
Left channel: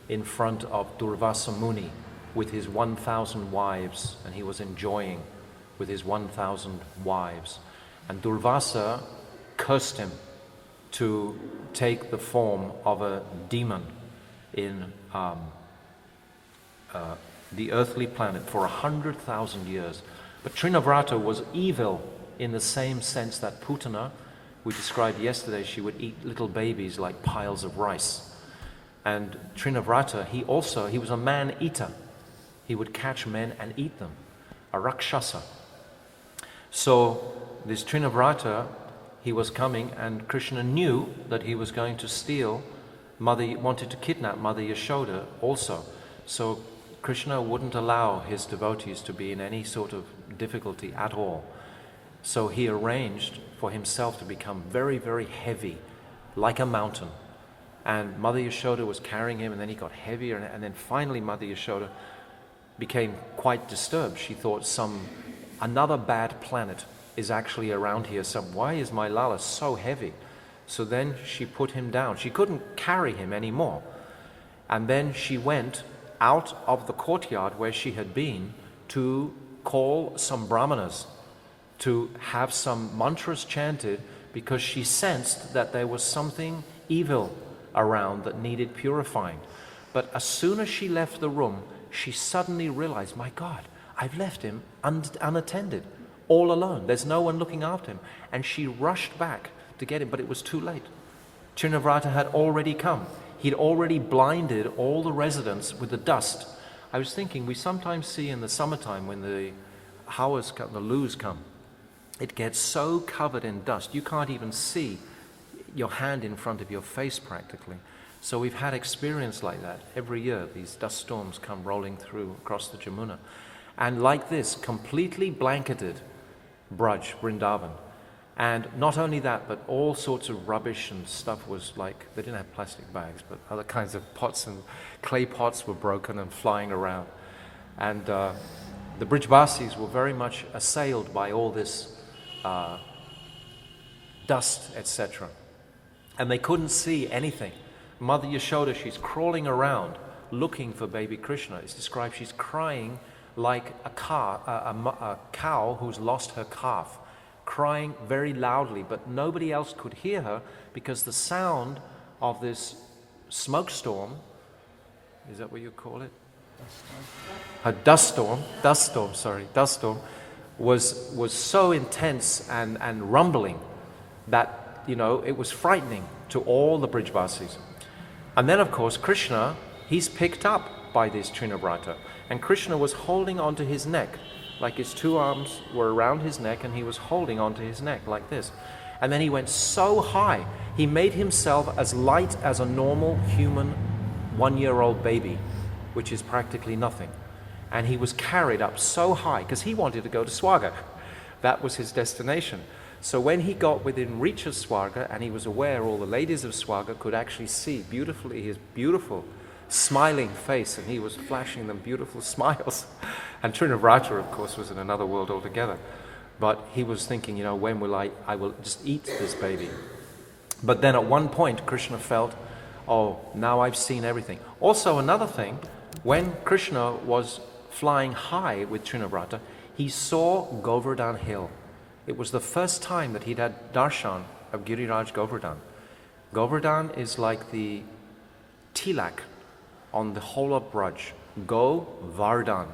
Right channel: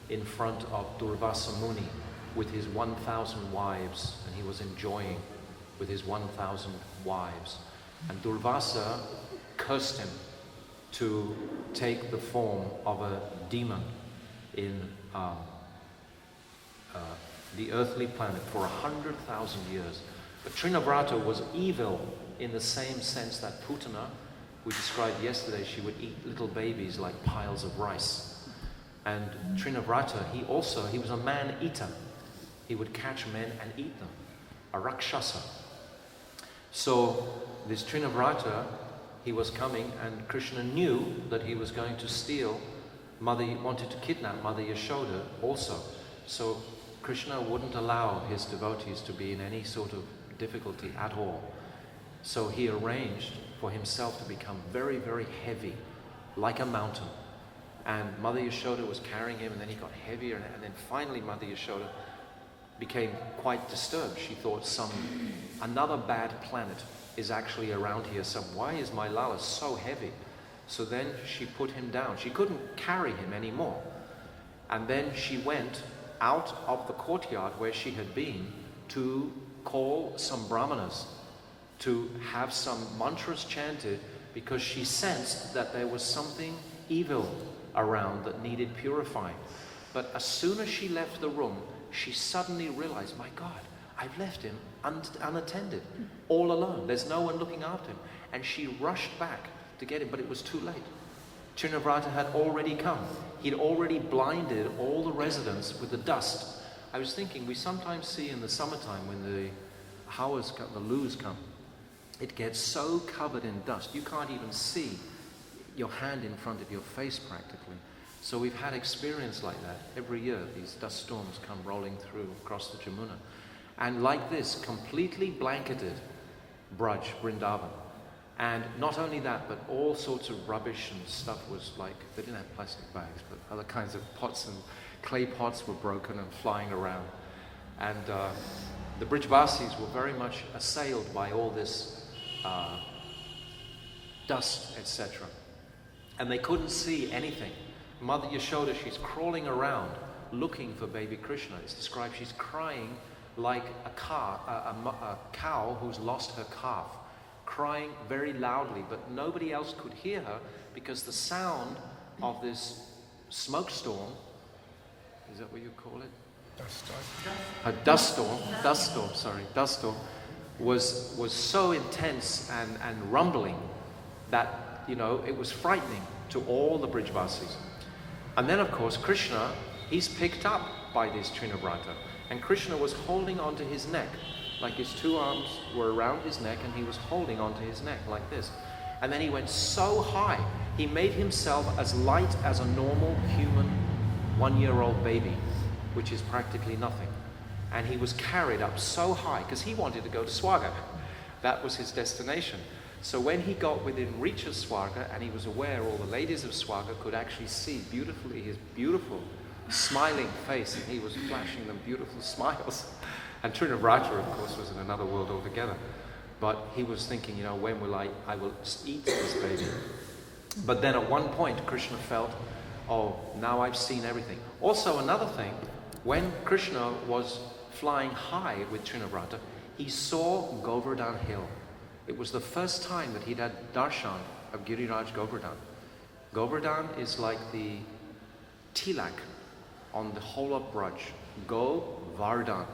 in front of Durvasa Muni with his 1,000 wives, and he was enjoying with his 1,000 wives. And Durvasa cursed him to take the form of a demon in the earthly planet for 100,000 years. But Trinavrata was evil in the same sense that Putana we described yesterday, she would eat little babies like piles of rice. And Trinavrata, he was a man-eater. He would catch men and eat them, a Rakshasa. So this Trinavrata, he was coming, and Krishna knew that he was going to steal wanted to kidnap Mother Yashoda also. So Krishna wouldn't allow his devotees to be in any sort of difficulty at all. So he arranged for himself to become very, very heavy, like a mountain. And Mother Yashoda was carrying him, and then he got heavier, and then finally Mother Yashoda became quite disturbed. She thought another bad planet is actually around here. So why is my Lala so heavy? So then she put him down. She couldn't carry him anymore. And then she went out of the courtyard where she had been to call some brahmanas to have some mantras chanted, because she sensed that there was something evil around that needed purifying. But as soon as she left the room, she suddenly realized, my God, I've left him unattended, all alone. There's no one looking after him. And she rushed back to get him, but it was too late. Trinavrata had already come. He'd already blinded all the residents with the dust. I was thinking, we sometimes see in the summertime when the hawas come, the loos come, it gets so covered in dust, you can't even see your hand in front of your face practically. So we've had experience like that every year. These dust storms come rolling through across the Jamuna. And like this, completely blanketed Braj, Vrindavan. And not only that, but all sorts of rubbish and stuff was like, they didn't have plastic bags, but other kinds of pots and clay pots were broken and flying around. And the Brijbasis were very much assailed by all this dust, etc. And they couldn't see anything. Mother Yashoda, she's crawling around looking for baby Krishna. It's described she's crying like a cow who's lost her calf, crying very loudly, but nobody else could hear her because the sound of this smoke storm, is that what you call it? A dust storm, was so intense and rumbling that, it was frightening to all the Brijbasis. And then, of course, Krishna, he's picked up by this Trinavrata, and Krishna was holding onto his neck, like his two arms were around his neck, and he was holding onto his neck like this. And then he went so high, he made himself as light as a normal human 1-year-old baby, which is practically nothing. And he was carried up so high, because he wanted to go to Swarga. That was his destination. So when he got within reach of Swarga, and he was aware all the ladies of Swarga could actually see beautifully his beautiful smiling face, and he was flashing them beautiful smiles. And Trinavarta, of course, was in another world altogether. But he was thinking, when will I will just eat this baby. But then at one point, Krishna felt, oh, now I've seen everything. Also, another thing, when Krishna was flying high with Trinavrata, he saw Govardhan Hill. It was the first time that he'd had darshan of Giriraj Govardhan. Govardhan is like the tilak on the whole of Braj. Govardhan.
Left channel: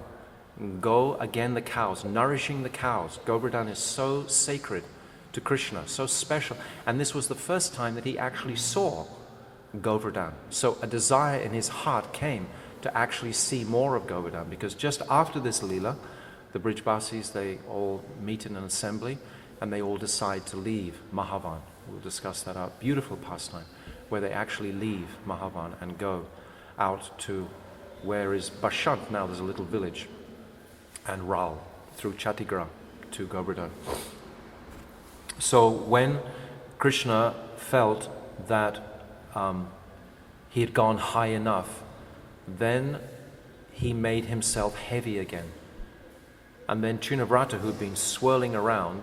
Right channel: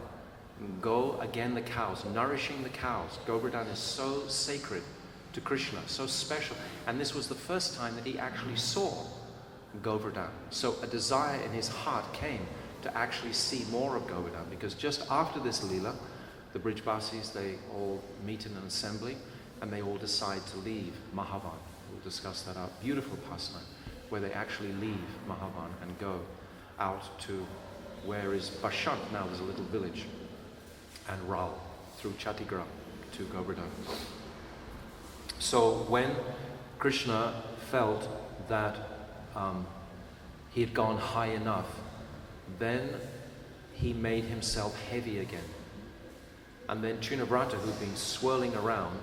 Go, again, the cows, nourishing the cows. Govardhan is so sacred to Krishna, so special. And this was the first time that he actually saw Govardhan. So a desire in his heart came to actually see more of Govardhan, because just after this Leela, the Brijbasis, they all meet in an assembly and they all decide to leave Mahavan. We'll discuss that out. Beautiful pastime, where they actually leave Mahavan and go out to where is Bashant now, there's a little village, and Ral, through Chatigram to Govardhan. So when Krishna felt that he had gone high enough, then he made himself heavy again. And then Trinavrata, who'd been swirling around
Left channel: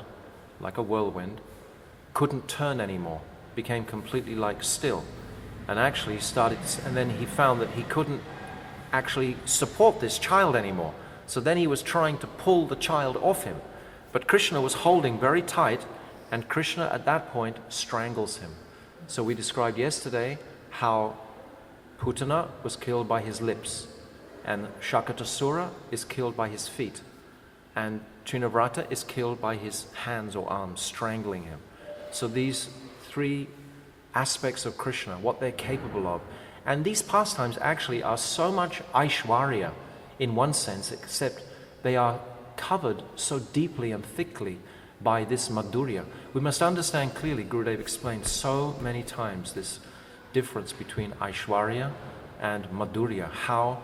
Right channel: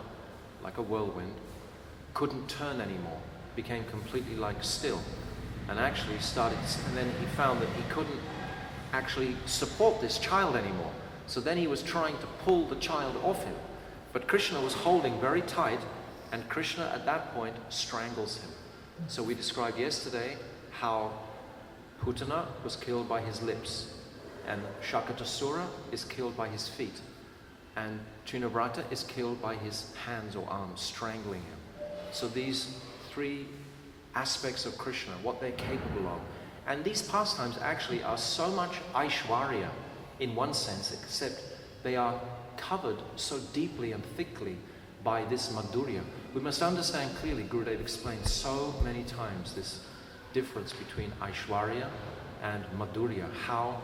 like a whirlwind, couldn't turn anymore, became completely like still, and actually and then he found that he couldn't actually support this child anymore. So then he was trying to pull the child off him, but Krishna was holding very tight, and Krishna at that point strangles him. So we described yesterday how Putana was killed by his lips, and Sakatasura is killed by his feet, and Trinavrata is killed by his hands or arms, strangling him. So these three aspects of Krishna, what they're capable of. And these pastimes actually are so much Aishwarya in one sense, except they are covered so deeply and thickly by this Madhurya. We must understand clearly, Gurudev explained so many times this difference between Aishwarya and Madhurya. How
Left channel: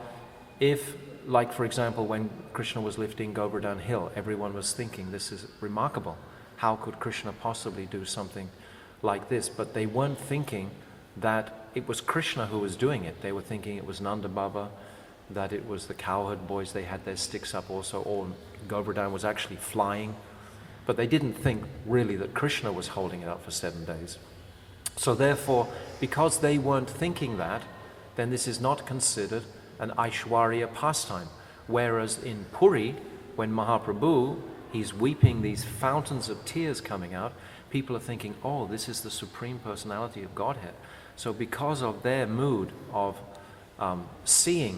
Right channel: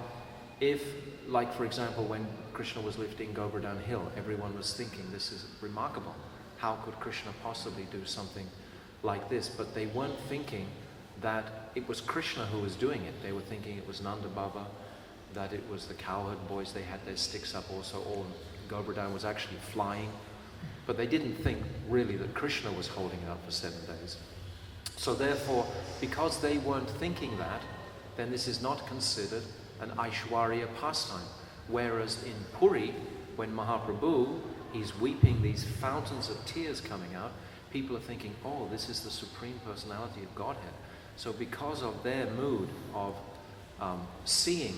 if, like for example, when Krishna was lifting Govardhan Hill, everyone was thinking, this is remarkable. How could Krishna possibly do something like this? But they weren't thinking that it was Krishna who was doing it. They were thinking it was Nanda Baba, that it was the cowherd boys, they had their sticks up also, or Govardhan was actually flying. But they didn't think really that Krishna was holding it up for 7 days. So therefore, because they weren't thinking that, then this is not considered an Aishwarya pastime. Whereas in Puri, when Mahaprabhu, he's weeping these fountains of tears coming out, people are thinking, oh, this is the Supreme Personality of Godhead. So because of their mood of seeing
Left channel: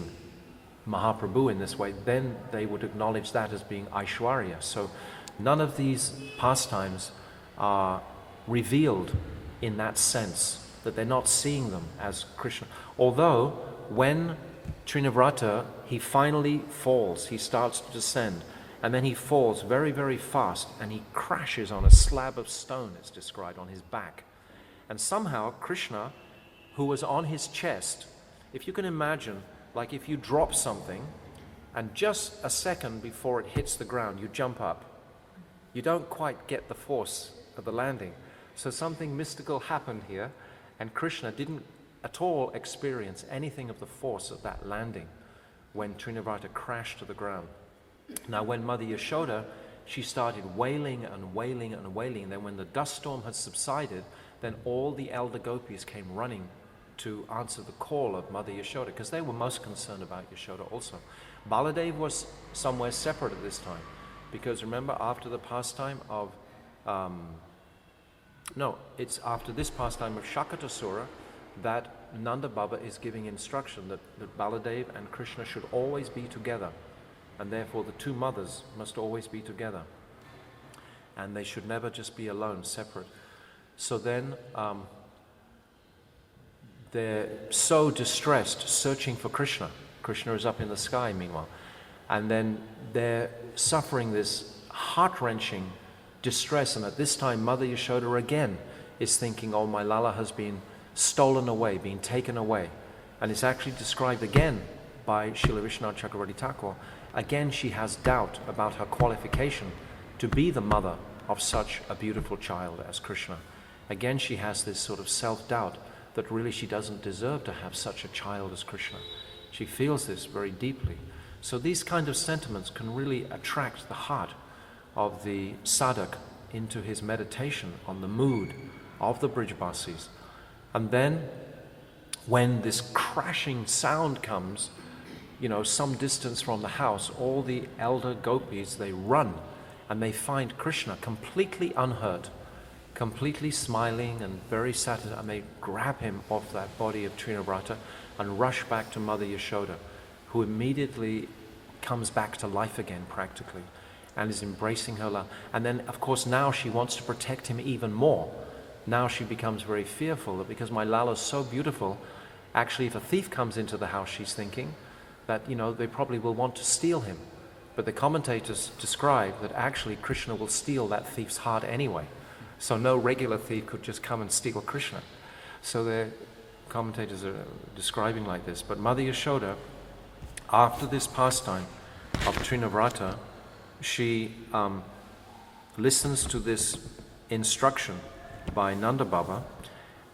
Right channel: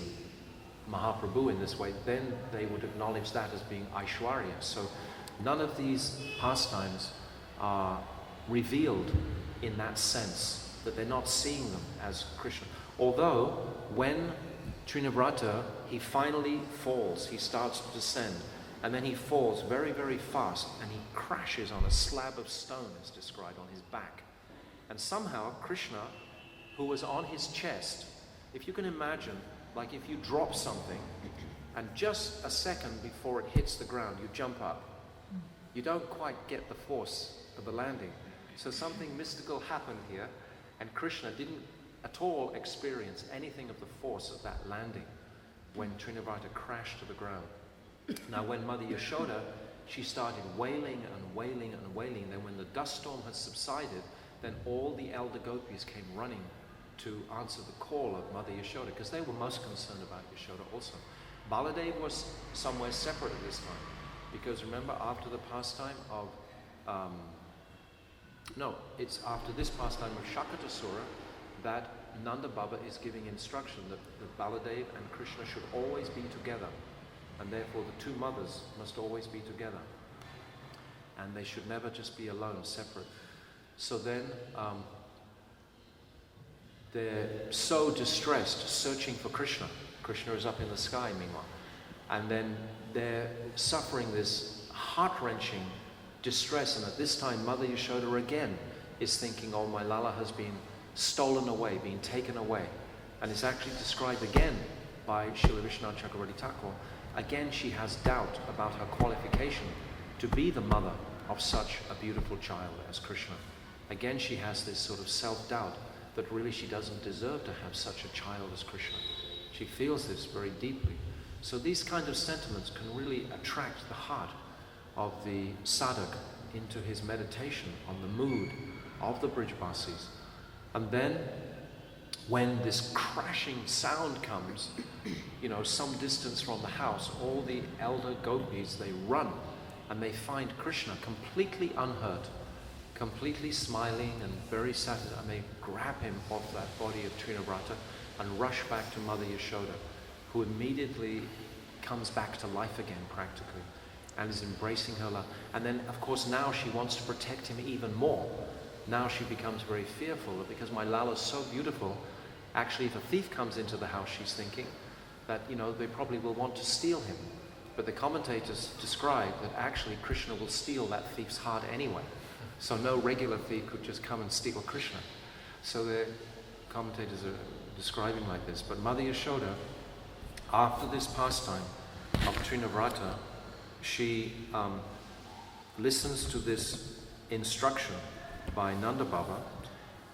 Mahaprabhu in this way, then they would acknowledge that as being Aishwarya. So none of these pastimes are revealed in that sense, that they're not seeing them as Krishna. Although, when Trinavrata, he finally falls, he starts to descend, and then he falls very, very fast, and he crashes on a slab of stone, it's described, on his back. And somehow, Krishna, who was on his chest, if you can imagine, like if you drop something, and just a second before it hits the ground, you jump up, you don't quite get the force of the landing. So something mystical happened here, and Krishna didn't at all experience anything of the force of that landing when Trinavarta crashed to the ground. Now when Mother Yashoda, she started wailing and wailing and wailing. Then when the dust storm had subsided, then all the elder gopis came running to answer the call of Mother Yashoda, because they were most concerned about Yashoda also. Baladev was somewhere separate at this time, because remember, after the pastime of it's after this pastime of Sakatasura that Nanda Baba is giving instruction that Baladev and Krishna should always be together, and therefore the two mothers must always be together, and they should never just be alone, separate. So then they're so distressed, searching for Krishna. Krishna is up in the sky meanwhile, and then they're suffering this heart-wrenching distress, and at this time Mother Yashoda again is thinking, oh, my Lala has been stolen away, been taken away. And it's actually described again by Srila Vishwanath Chakravarti Thakur. Again, she has doubt about her qualification to be the mother of such a beautiful child as Krishna. Again, she has this sort of self-doubt that really she doesn't deserve to have such a child as Krishna. She feels this very deeply. So these kind of sentiments can really attract the heart of the sadhak into his meditation on the mood of the Brijbasis. And then when this crashing sound comes, some distance from the house, all the elder gopis, they run and they find Krishna completely unhurt, completely smiling and very satisfied, and they grab him off that body of Trinavrata and rush back to Mother Yashoda, who immediately comes back to life again practically and is embracing her love. And then of course now she wants to protect him even more. Now she becomes very fearful that because my Lala is so beautiful, actually if a thief comes into the house, she's thinking that they probably will want to steal him. But the commentators describe that actually Krishna will steal that thief's heart anyway. So no regular thief could just come and steal Krishna. So the commentators are describing like this. But Mother Yashoda, after this pastime of Trinavrata, she listens to this instruction by Nanda Baba,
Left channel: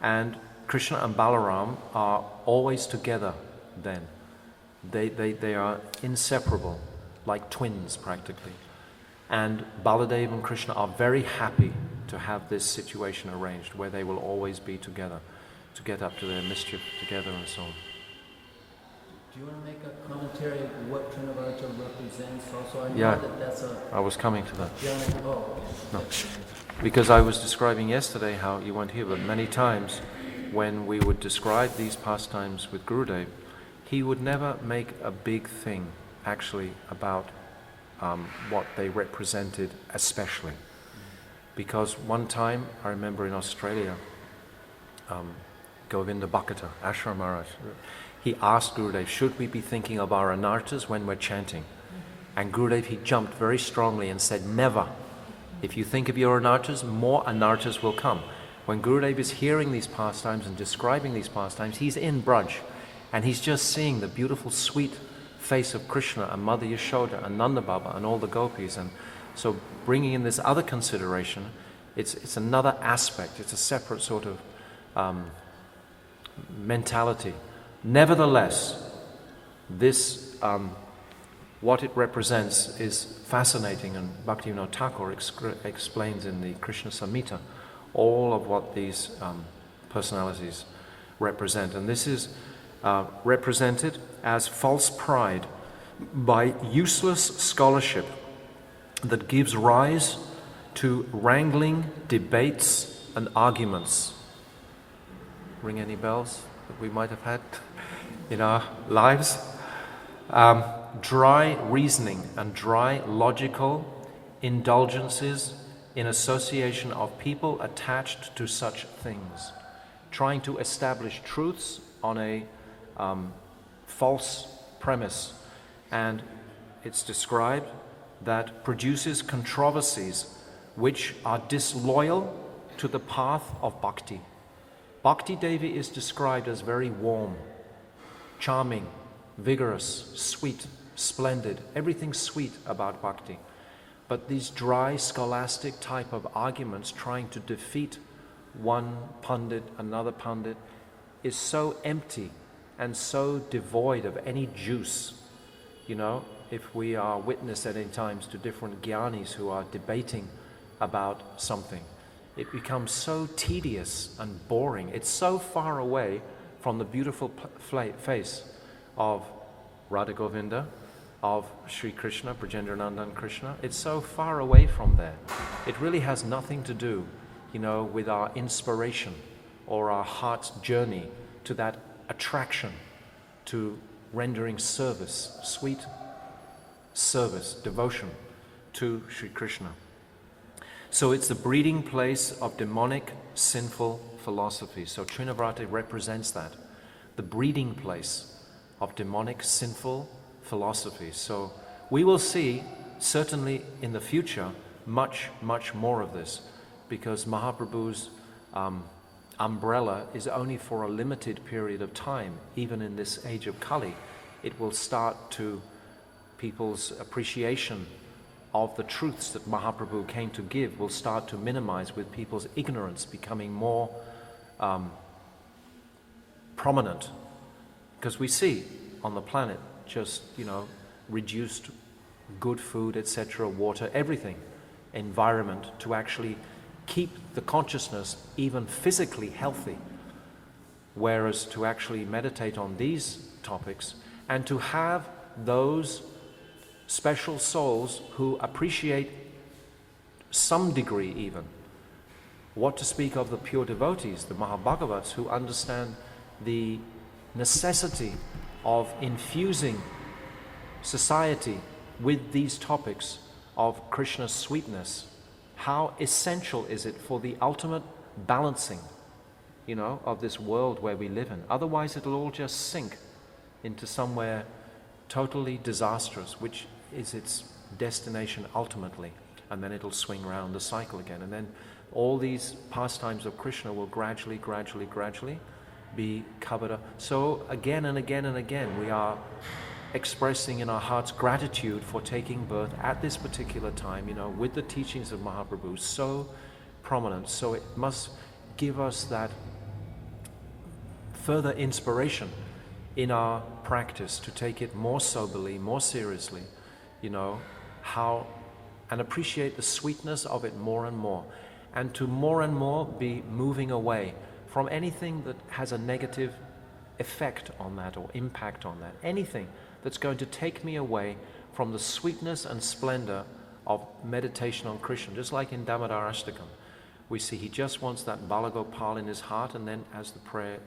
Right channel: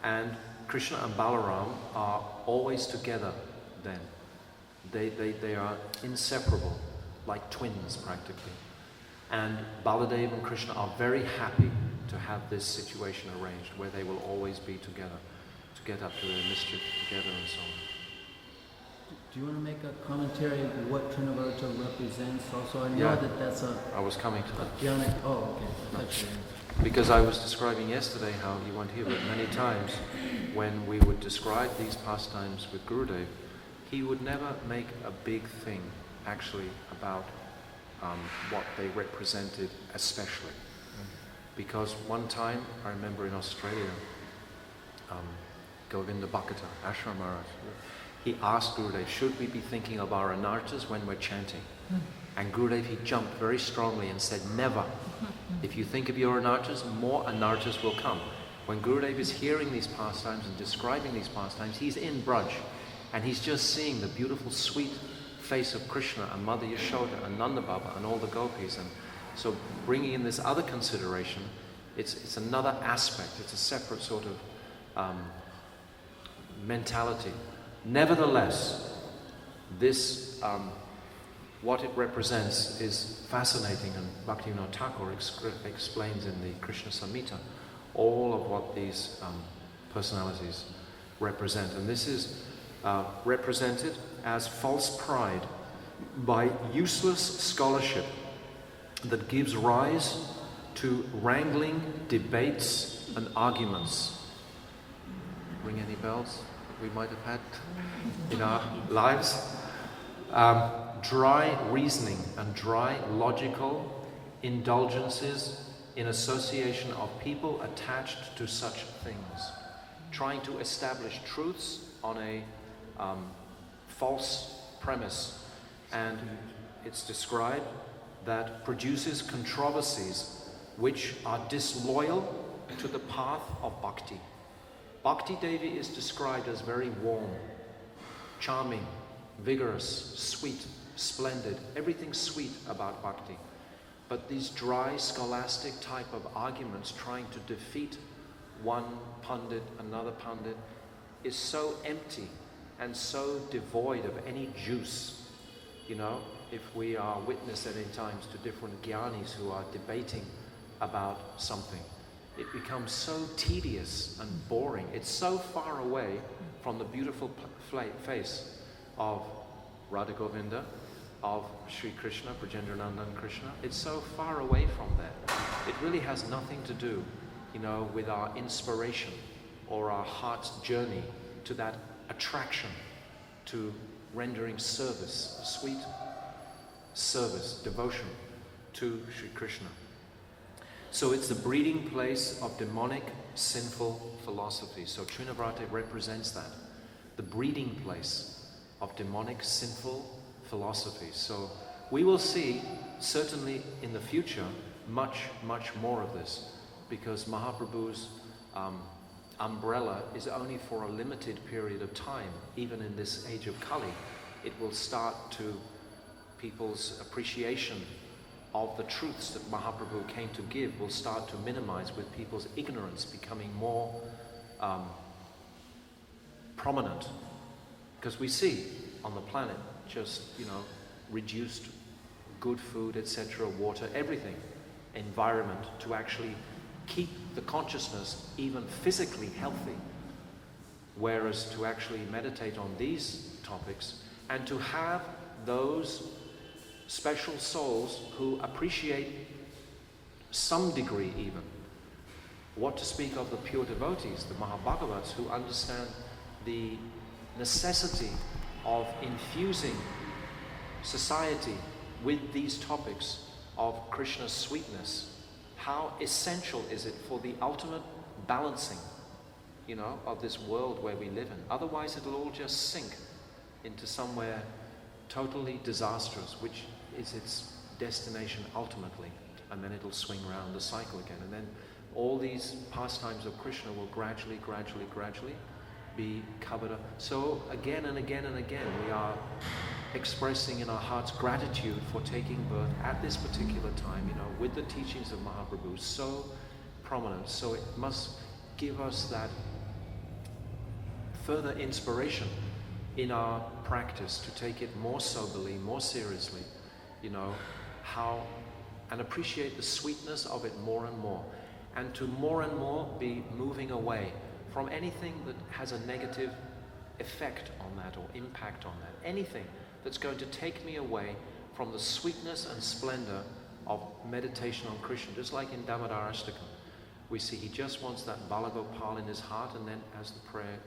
and Krishna and Balaram are always together then. They are inseparable, like twins practically. And Baladev and Krishna are very happy to have this situation arranged where they will always be together, to get up to their mischief together and so on. Do you want to make a commentary of what Trinavarta represents also? I know Yeah, that's I was coming to that. okay. Because I was describing yesterday how, you weren't here, but many times when we would describe these pastimes with Gurudev, he would never make a big thing actually about what they represented especially. Because one time, I remember in Australia, Govinda Bhakkata, Ashram Maharaj, he asked Gurudev, should we be thinking of our anartas when we're chanting? And Gurudev, he jumped very strongly and said, never. If you think of your anartas, more anartas will come. When Gurudev is hearing these pastimes and describing these pastimes, he's in Braj, and he's just seeing the beautiful, sweet face of Krishna and Mother Yashoda and Nanda Baba and all the gopis. And so bringing in this other consideration, it's another aspect, it's a separate sort of mentality. Nevertheless, this, what it represents is fascinating, and Bhaktivinoda Thakur explains in the Krishna Samhita all of what these personalities represent. And this is represented as false pride by useless scholarship that gives rise to wrangling, debates, and arguments. Ring any bells that we might have had in our lives? Dry reasoning and dry logical indulgences in association of people attached to such things, trying to establish truths on a false premise. And it's described that produces controversies which are disloyal to the path of bhakti. Bhakti Devi is described as very warm, charming, vigorous, sweet, splendid, everything sweet about bhakti. But these dry, scholastic type of arguments trying to defeat one pundit, another pundit, is so empty and so devoid of any juice. You know, if we are witness at any times to different jnanis who are debating about something, it becomes so tedious and boring. It's so far away from the beautiful face of Radha Govinda, of Sri Krishna, Brajendranandan Krishna. It's so far away from there. It really has nothing to do, you know, with our inspiration or our heart's journey to that attraction to rendering service, sweet service, devotion to Sri Krishna. So it's the breeding place of demonic, sinful philosophy. So Trinavarta represents that, the breeding place of demonic, sinful philosophy. So we will see, certainly in the future, much, much more of this, because Mahaprabhu's umbrella is only for a limited period of time. Even in this age of Kali, it will start to, people's appreciation of the truths that Mahaprabhu came to give will start to minimize, with people's ignorance becoming more prominent. Because we see on the planet just, you know, reduced good food, etc., water, everything, environment, to actually keep the consciousness even physically healthy. Whereas to actually meditate on these topics and to have those special souls who appreciate some degree even, what to speak of the pure devotees, the Mahabhagavats, who understand the necessity of infusing society with these topics of Krishna's sweetness. How essential is it for the ultimate balancing, you know, of this world where we live in? Otherwise it'll all just sink into somewhere totally disastrous, which is its destination ultimately, and then it'll swing around the cycle again, and then all these pastimes of Krishna will gradually be covered up. So again and again and again we are expressing in our hearts gratitude for taking birth at this particular time, you know, with the teachings of Mahaprabhu so prominent. So it must give us that further inspiration in our practice to take it more soberly, more seriously, you know, how, and appreciate the sweetness of it more and more, and to more and more be moving away from anything that has a negative effect on that or impact on that, anything that's going to take me away from the sweetness and splendor of meditation on Krishna. Just like in Damodar Ashtakam, we see he just wants that Balagopal in his heart, and then as the prayer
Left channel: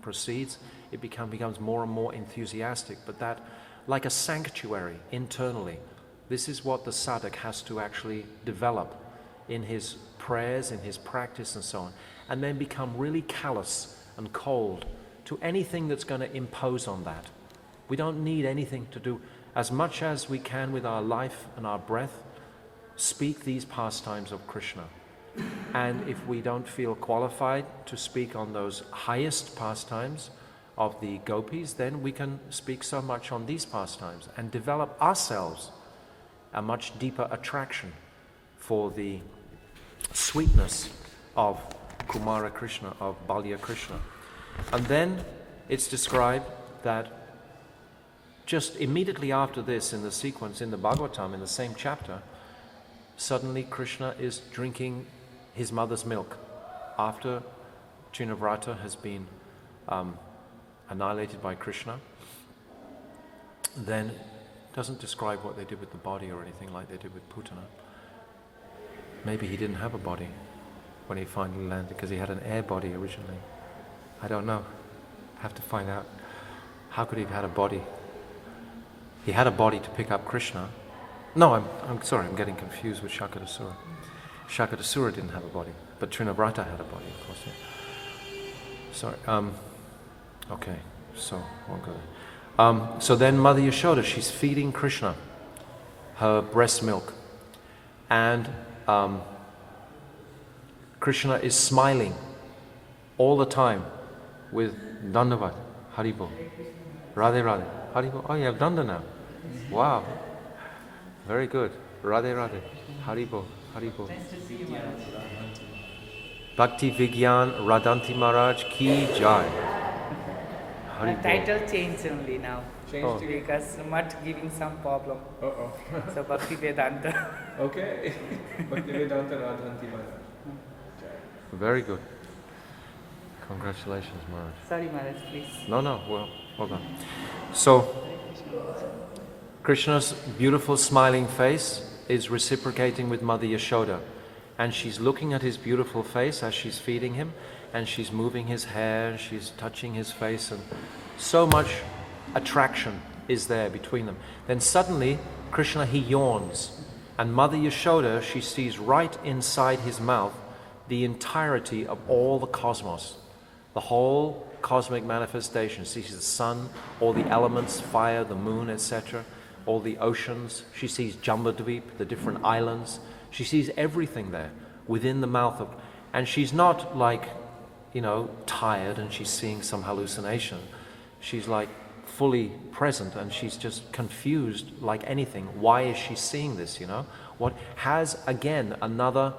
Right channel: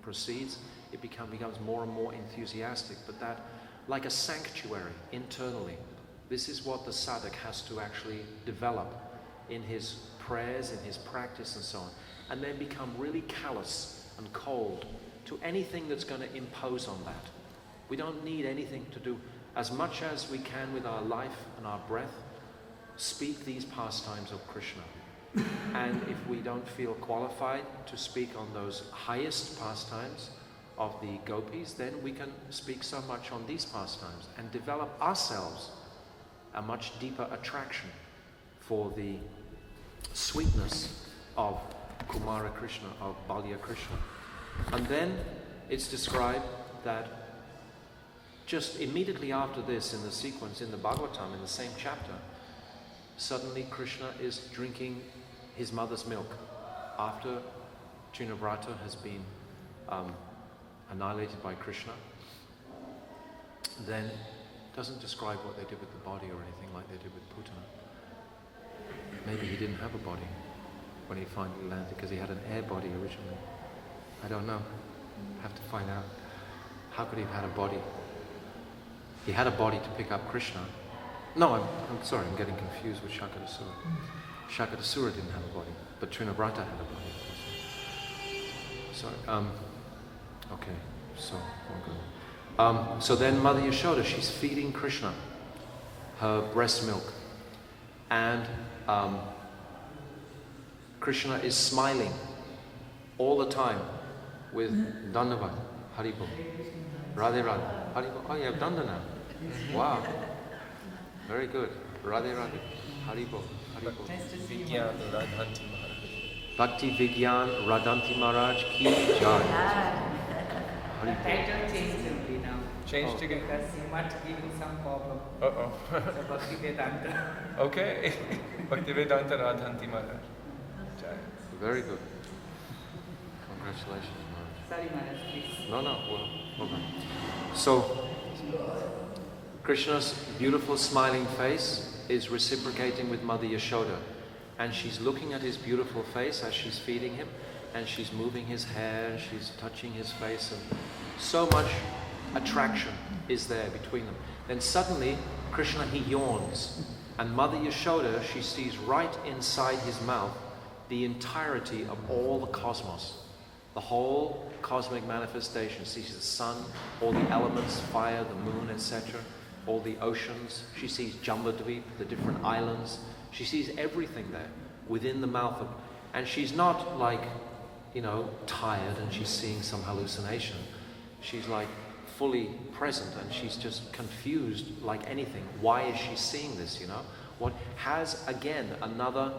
proceeds, it becomes more and more enthusiastic, but that like a sanctuary internally. This is what the sadhak has to actually develop in his prayers, in his practice and so on, and then become really callous and cold to anything that's going to impose on that. We don't need anything to do. As much as we can with our life and our breath, speak these pastimes of Krishna. And if we don't feel qualified to speak on those highest pastimes of the gopis, then we can speak so much on these pastimes and develop ourselves a much deeper attraction for the sweetness of Kumara Krishna, of Balya Krishna. And then it's described that just immediately after this, in the sequence, in the Bhagavatam, in the same chapter, suddenly Krishna is drinking his mother's milk after Trinavarta has been annihilated by Krishna. Then it doesn't describe what they did with the body or anything like they did with Putana. Maybe he didn't have a body when he finally landed, because he had an air body originally. I don't know. Have to find out. How could he have had a body? He had a body to pick up Krishna. No, I'm sorry, I'm getting confused with Sakatasura. Sakatasura didn't have a body, but Trinavrata had a body, of course. Sorry. Okay, so we're good. So then Mother Yashoda, she's feeding Krishna her breast milk, and Krishna is smiling all the time with Dandavad, Haribol, Radhe Radhe, Haribol. Oh, you have Danda now. Wow, very good. Radhe Radhe, Haribol, Haribol. Nice to see you, Maharaj. Bhakti Vigyan Radhanti Maharaj ki jai. The title changed only now. Changed again. Because Mutt giving some problem. Uh-oh. So Bhakti Vedanta. Okay. Bhakti Vedanta Radhanti Maharaj. Very good. Congratulations, Maharaj. Sorry, Maharaj, please. No, well done. So, Krishna's beautiful smiling face is reciprocating with Mother Yashoda. And she's looking at his beautiful face as she's feeding him, and she's moving his hair, she's touching his face, and so much attraction is there between them. Then suddenly, Krishna, he yawns, and Mother Yashoda, she sees right inside his mouth the entirety of all the cosmos, the whole cosmic manifestation. She sees the sun, all the elements, fire, the moon, etc., all the oceans. She sees Jambudvip, the different islands. She sees everything there within the mouth of, and she's not like, tired and she's seeing some hallucination. She's like fully present, and she's just confused like anything. Why is she seeing this, What has, again, another,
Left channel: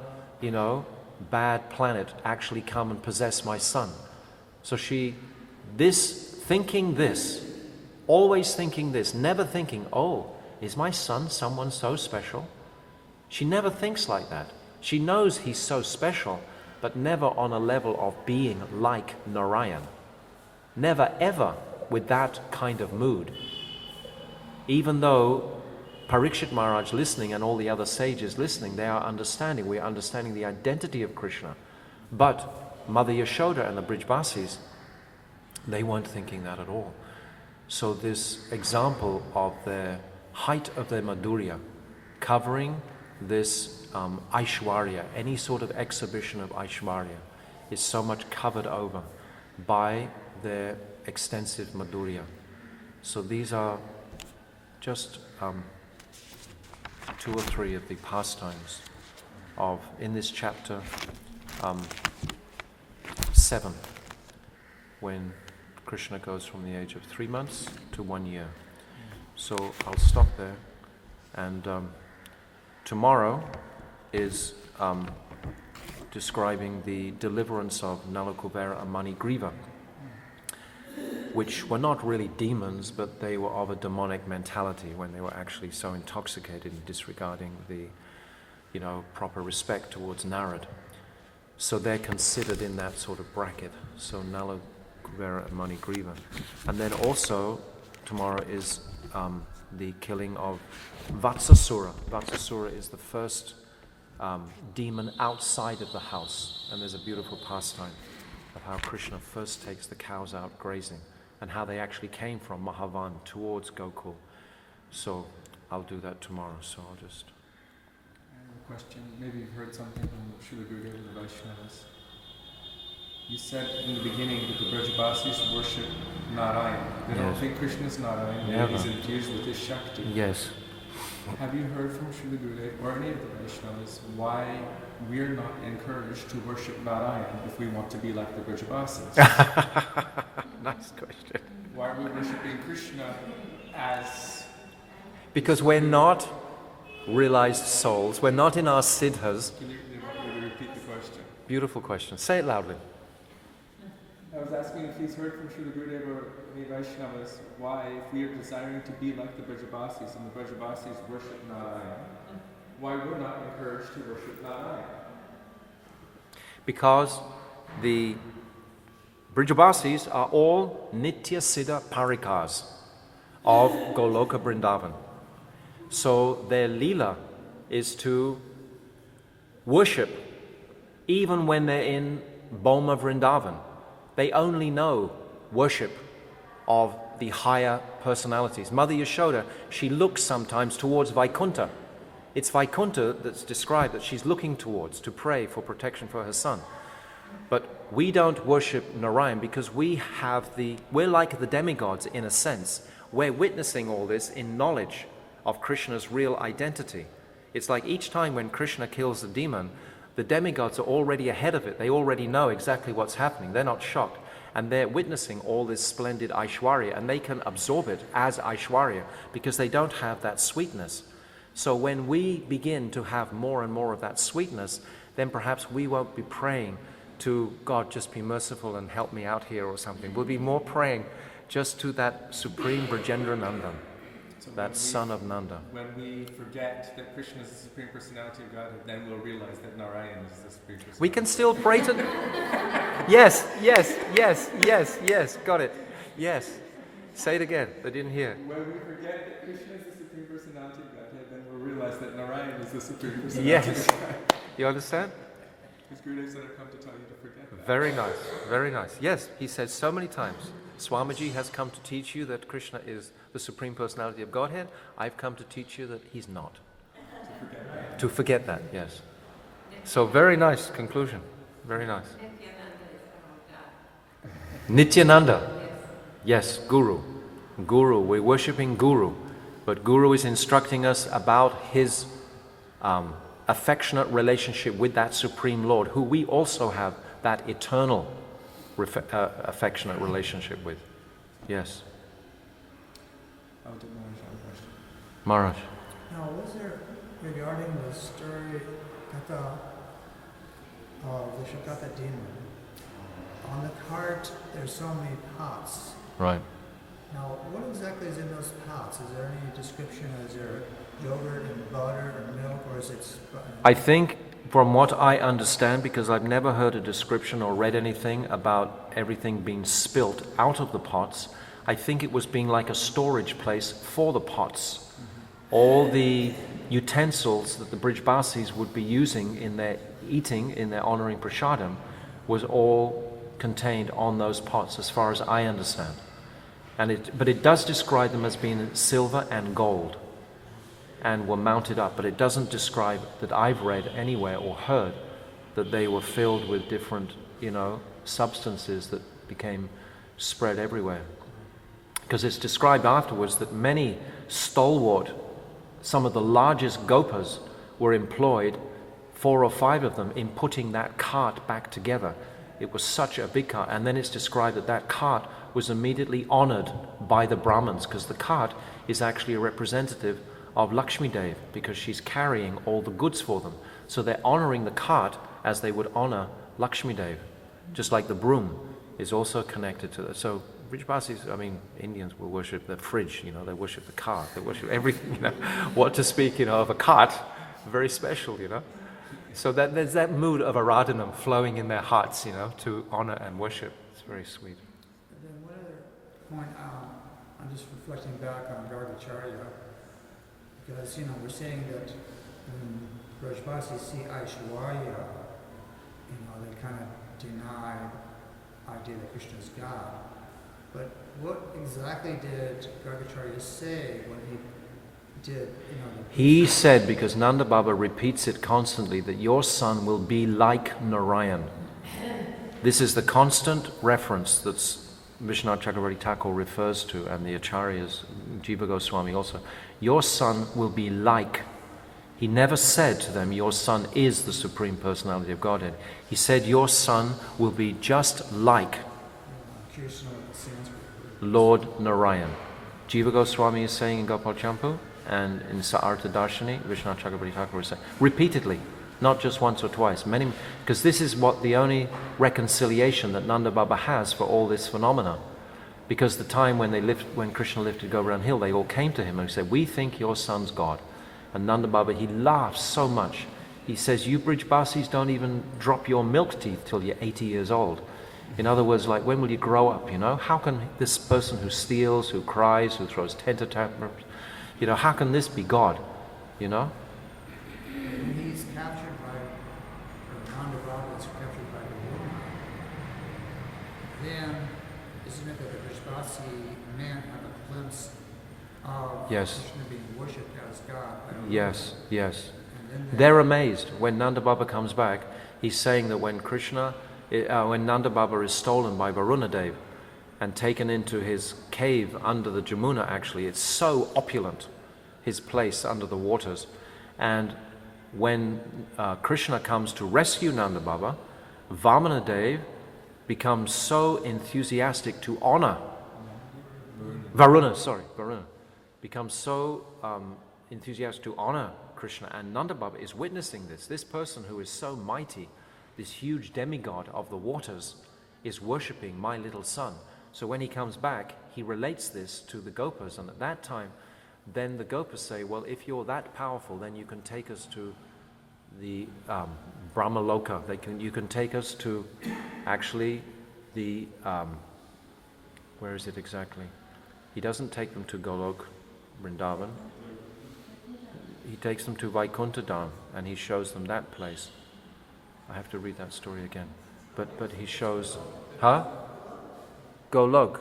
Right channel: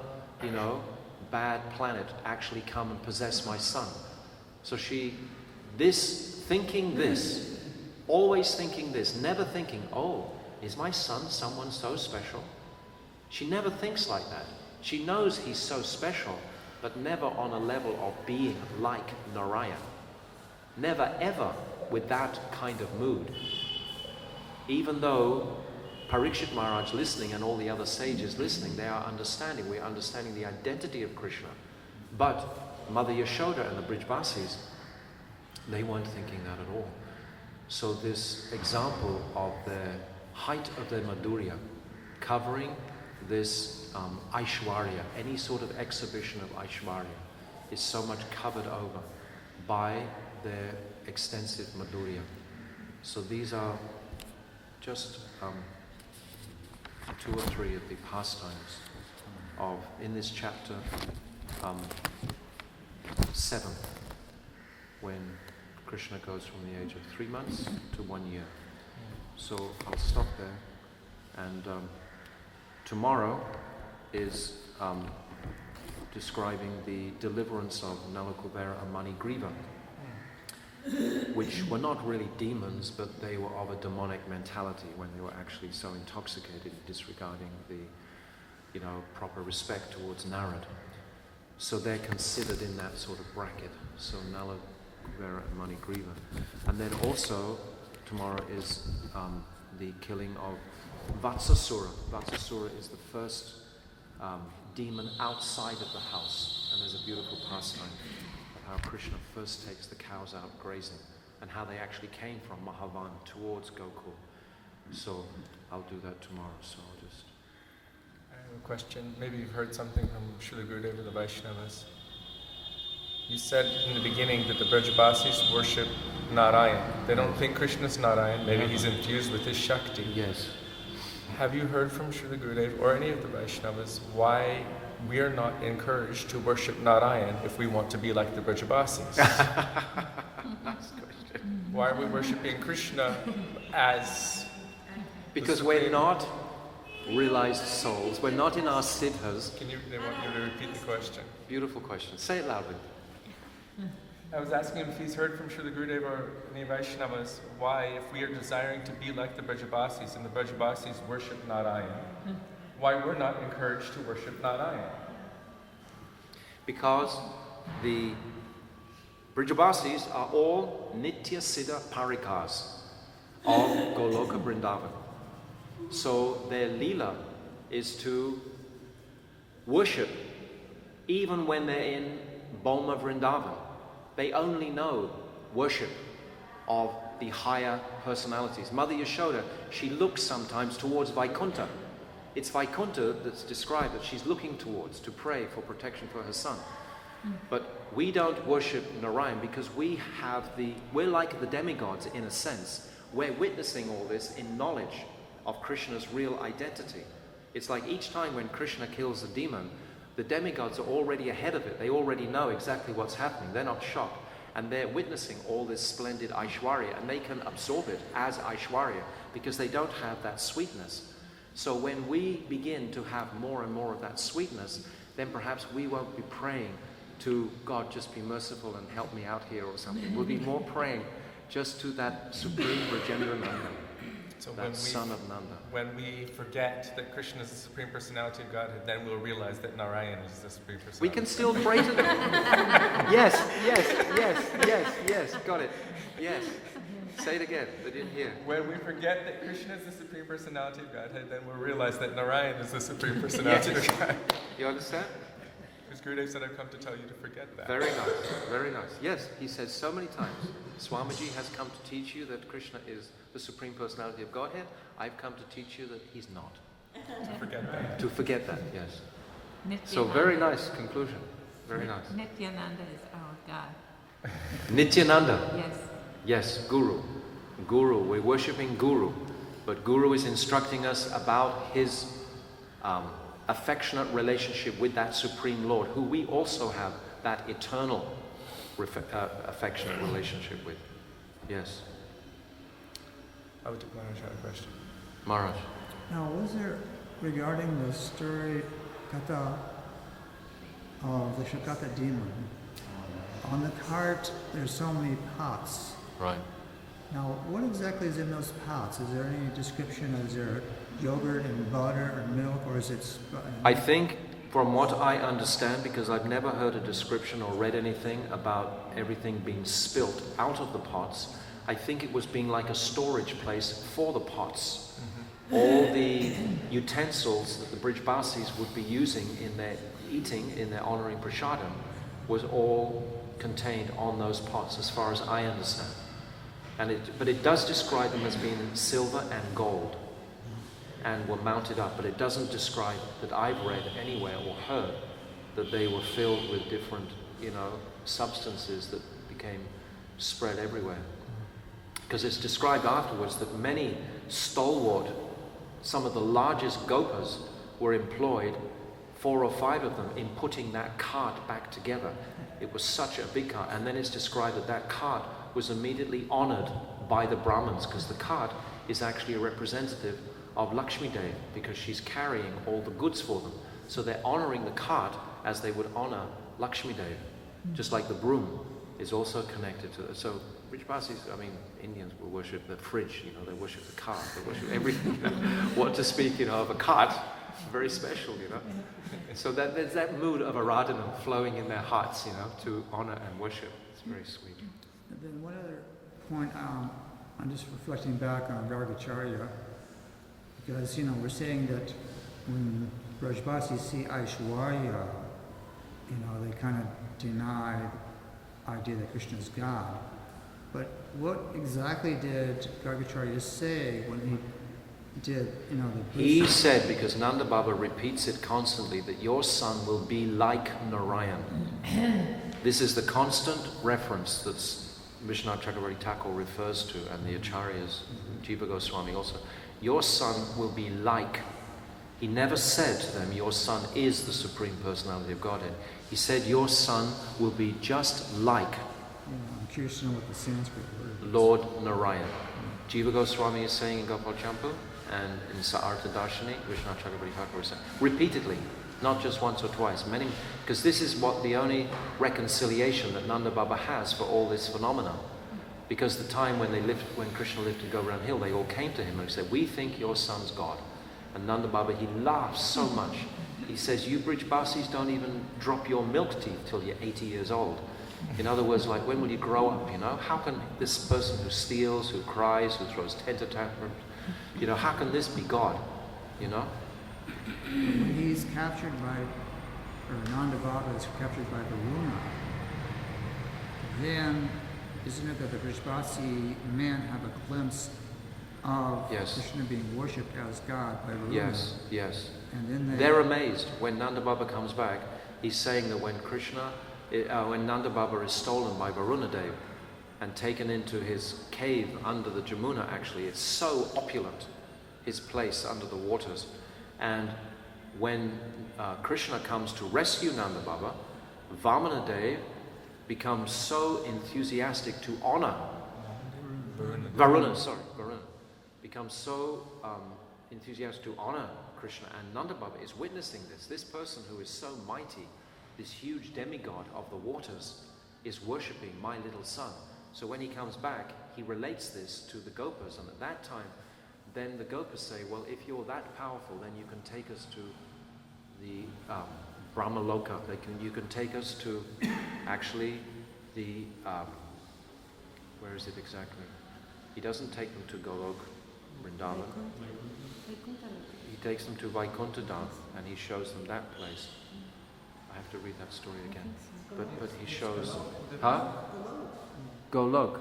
bad planet actually come and possess my son? So always thinking this, never thinking, oh, is my son someone so special? She never thinks like that. She knows he's so special, but never on a level of being like Narayan. Never ever with that kind of mood. Even though Parikshit Maharaj listening and all the other sages listening, they are understanding, we are understanding the identity of Krishna. But Mother Yashoda and the Brijbasis, they weren't thinking that at all. So this example of the height of their Madhurya, covering this Aishwarya, any sort of exhibition of Aishwarya, is so much covered over by their extensive Madhurya. So these are just 2 or 3 of the pastimes in this chapter 7, when Krishna goes from the age of 3 months to 1 year. So I'll stop there, and tomorrow is describing the deliverance of Nalakuvera and Manigriva, which were not really demons, but they were of a demonic mentality when they were actually so intoxicated and disregarding the, proper respect towards Narad. So they're considered in that sort of bracket. So Nalakuvera and Manigriva. And then also, tomorrow is the killing of Vatsasura. Vatsasura is the first demon outside of the house. And there's a beautiful pastime of how Krishna first takes the cows out grazing, and how they actually came from Mahavan towards Gokul. So I'll do that tomorrow, so I'll just... I have a question. Maybe you've heard something from Srila Gurudeva and the Vaishnavas. You said in the beginning that the Brajbasis worship Narayan. They don't think Krishna's Narayan, maybe he's infused with his Shakti. Yes. Have you heard from Srila Gurudev or any of the Vaishnavas why we are not encouraged to worship Narayan if we want to be like the Brajbasis? Nice question. Why are we worshipping Krishna as... Because we're not realized souls. We're not in our siddhas. They want you to repeat the question. Beautiful question. Say it loudly. I was asking if he's heard from Srila Gurudev or any Vaishnavas why, if we are desiring to be like the Brajbasis and the Brajbasis worship Narayan, why we're not encouraged to worship Narayan. Because the Brajbasis are all Nitya Siddha Parikas of Goloka Vrindavan. So their lila is to worship even when they're in Boma Vrindavan. They only know worship of the higher personalities. Mother Yashoda, she looks sometimes towards Vaikuntha. It's Vaikuntha that's described that she's looking towards to pray for protection for her son. But we don't worship Narayan because we're like the demigods in a sense. We're witnessing all this in knowledge of Krishna's real identity. It's like each time when Krishna kills a demon, the demigods are already ahead of it. They already know exactly what's happening. They're not shocked. And they're witnessing all this splendid Aishwarya, and they can absorb it as Aishwarya because they don't have that sweetness. So when we begin to have more and more of that sweetness, then perhaps we won't be praying to God, just be merciful and help me out here or something. We'll be more praying just to that supreme Brajendra Nanda, So that son of Nanda. When we forget that Krishna is the Supreme Personality of Godhead, then we'll realize that Narayan is the Supreme Personality. We can still pray to them. Yes, got it. Yes. Say it again, they didn't hear. When we forget that Krishna is the Supreme Personality of Godhead, then we'll realize that Narayan is the Supreme Personality of Godhead. You understand? Because Gurudev said, I've come to tell you to forget that. Very nice, very nice. Yes, he says so many times, Swamiji has come to teach you that Krishna is the Supreme Personality of Godhead. I've come to teach you that he's not. To forget that, yes. So very nice conclusion. Very nice. Nityananda is our God. Nityananda. Yes. Yes, Guru. Guru, we're worshipping Guru. But Guru is instructing us about his affectionate relationship with that Supreme Lord, who we also have that eternal affectionate relationship with. Yes. I would take Maharaj on a question. Maharaj. Now, was there, regarding the story Katha of the Shakata demon, on the cart there's so many pots. Right. Now, what exactly is in those pots? Is there any description? Is there yogurt and butter and milk, or is it... I think, from what I understand, because I've never heard a description or read anything about everything being spilt out of the pots, I think it was being like a storage place for the pots. All the utensils that the Brajbasis would be using in their eating, in their honoring prasadam, was all contained on those pots, as far as I understand. But it does describe them as being silver and gold, and were mounted up. But it doesn't describe that I've read anywhere or heard that they were filled with different, substances that became spread everywhere. Because it's described afterwards that many stalwart, some of the largest gopas were employed, 4 or 5 of them, in putting that cart back together. It was such a big cart. And then it's described that that cart was immediately honored by the Brahmins, because the cart is actually a representative of Lakshmi Devi, because she's carrying all the goods for them. So they're honoring the cart as they would honor Lakshmi Devi. Just like the broom is also connected to that. So Brajbasis, Indians will worship the fridge, they worship the cart, they worship everything, What to speak, of a cart, very special, So that there's that mood of Aradhanam flowing in their hearts, to honor and worship. It's very sweet. And then one other point, I'm just reflecting back on Gargacharya, because, we're saying that when Brajbasis see Aishwarya, they kind of deny the idea that Krishna is God. But what exactly did Gargacharya say when he did, you know, the He said, because Nanda Baba repeats it constantly, that your son will be like Narayan. This is the constant reference that Vishwanath Chakravarti Thakur refers to, and the Acharyas, Jiva Goswami also. Your son will be like. He never said to them, your son is the Supreme Personality of Godhead. He said, your son will be just like I'm curious to know what the Sanskrit word is. Lord Narayan. Jiva Goswami is saying in Gopal Champu, and in Sa'artha Darshani, Vishwanath Chakravarti Thakur is saying, repeatedly, not just once or twice, many, because this is what the only reconciliation that Nanda Baba has for all this phenomena. Because the time when Krishna lifted Govardhan Hill, they all came to him and said, we think your son's God. And Nanda Baba, he laughs so much. He says, you Brijbasis don't even drop your milk teeth till you're 80 years old. In other words, like, when will you grow up, you know? How can this person who steals, who cries, who throws temper tantrums, you know, how can this be God, you know? When he's captured by, or Nanda Baba is captured by Varuna, then isn't it that the Brijbasi men have a glimpse of Krishna being worshipped as God by Varuna? Yes, yes. And then they're amazed. When Nanda Baba comes back, he's saying that when Nanda Baba is stolen by Varuna Dev and taken into his cave under the Jamuna, actually, it's so opulent, his place under the waters. And when Krishna comes to rescue Nanda Baba, Vamana Dev becomes so enthusiastic to honor Varuna becomes so enthusiastic to honor Krishna, and Nanda Baba is witnessing this. This person who is so mighty, this huge demigod of the waters, is worshipping my little son. So when he comes back, he relates this to the Gopas, and at that time, then the Gopas say, well, if you're that powerful, then you can take us to the Brahmaloka. You can take us to actually the, where is it exactly? He doesn't take them to Golok, Vrindavan. He takes them to Vaikuntha Dham, and he shows them that place. I have to read that story again. But he shows, Golok.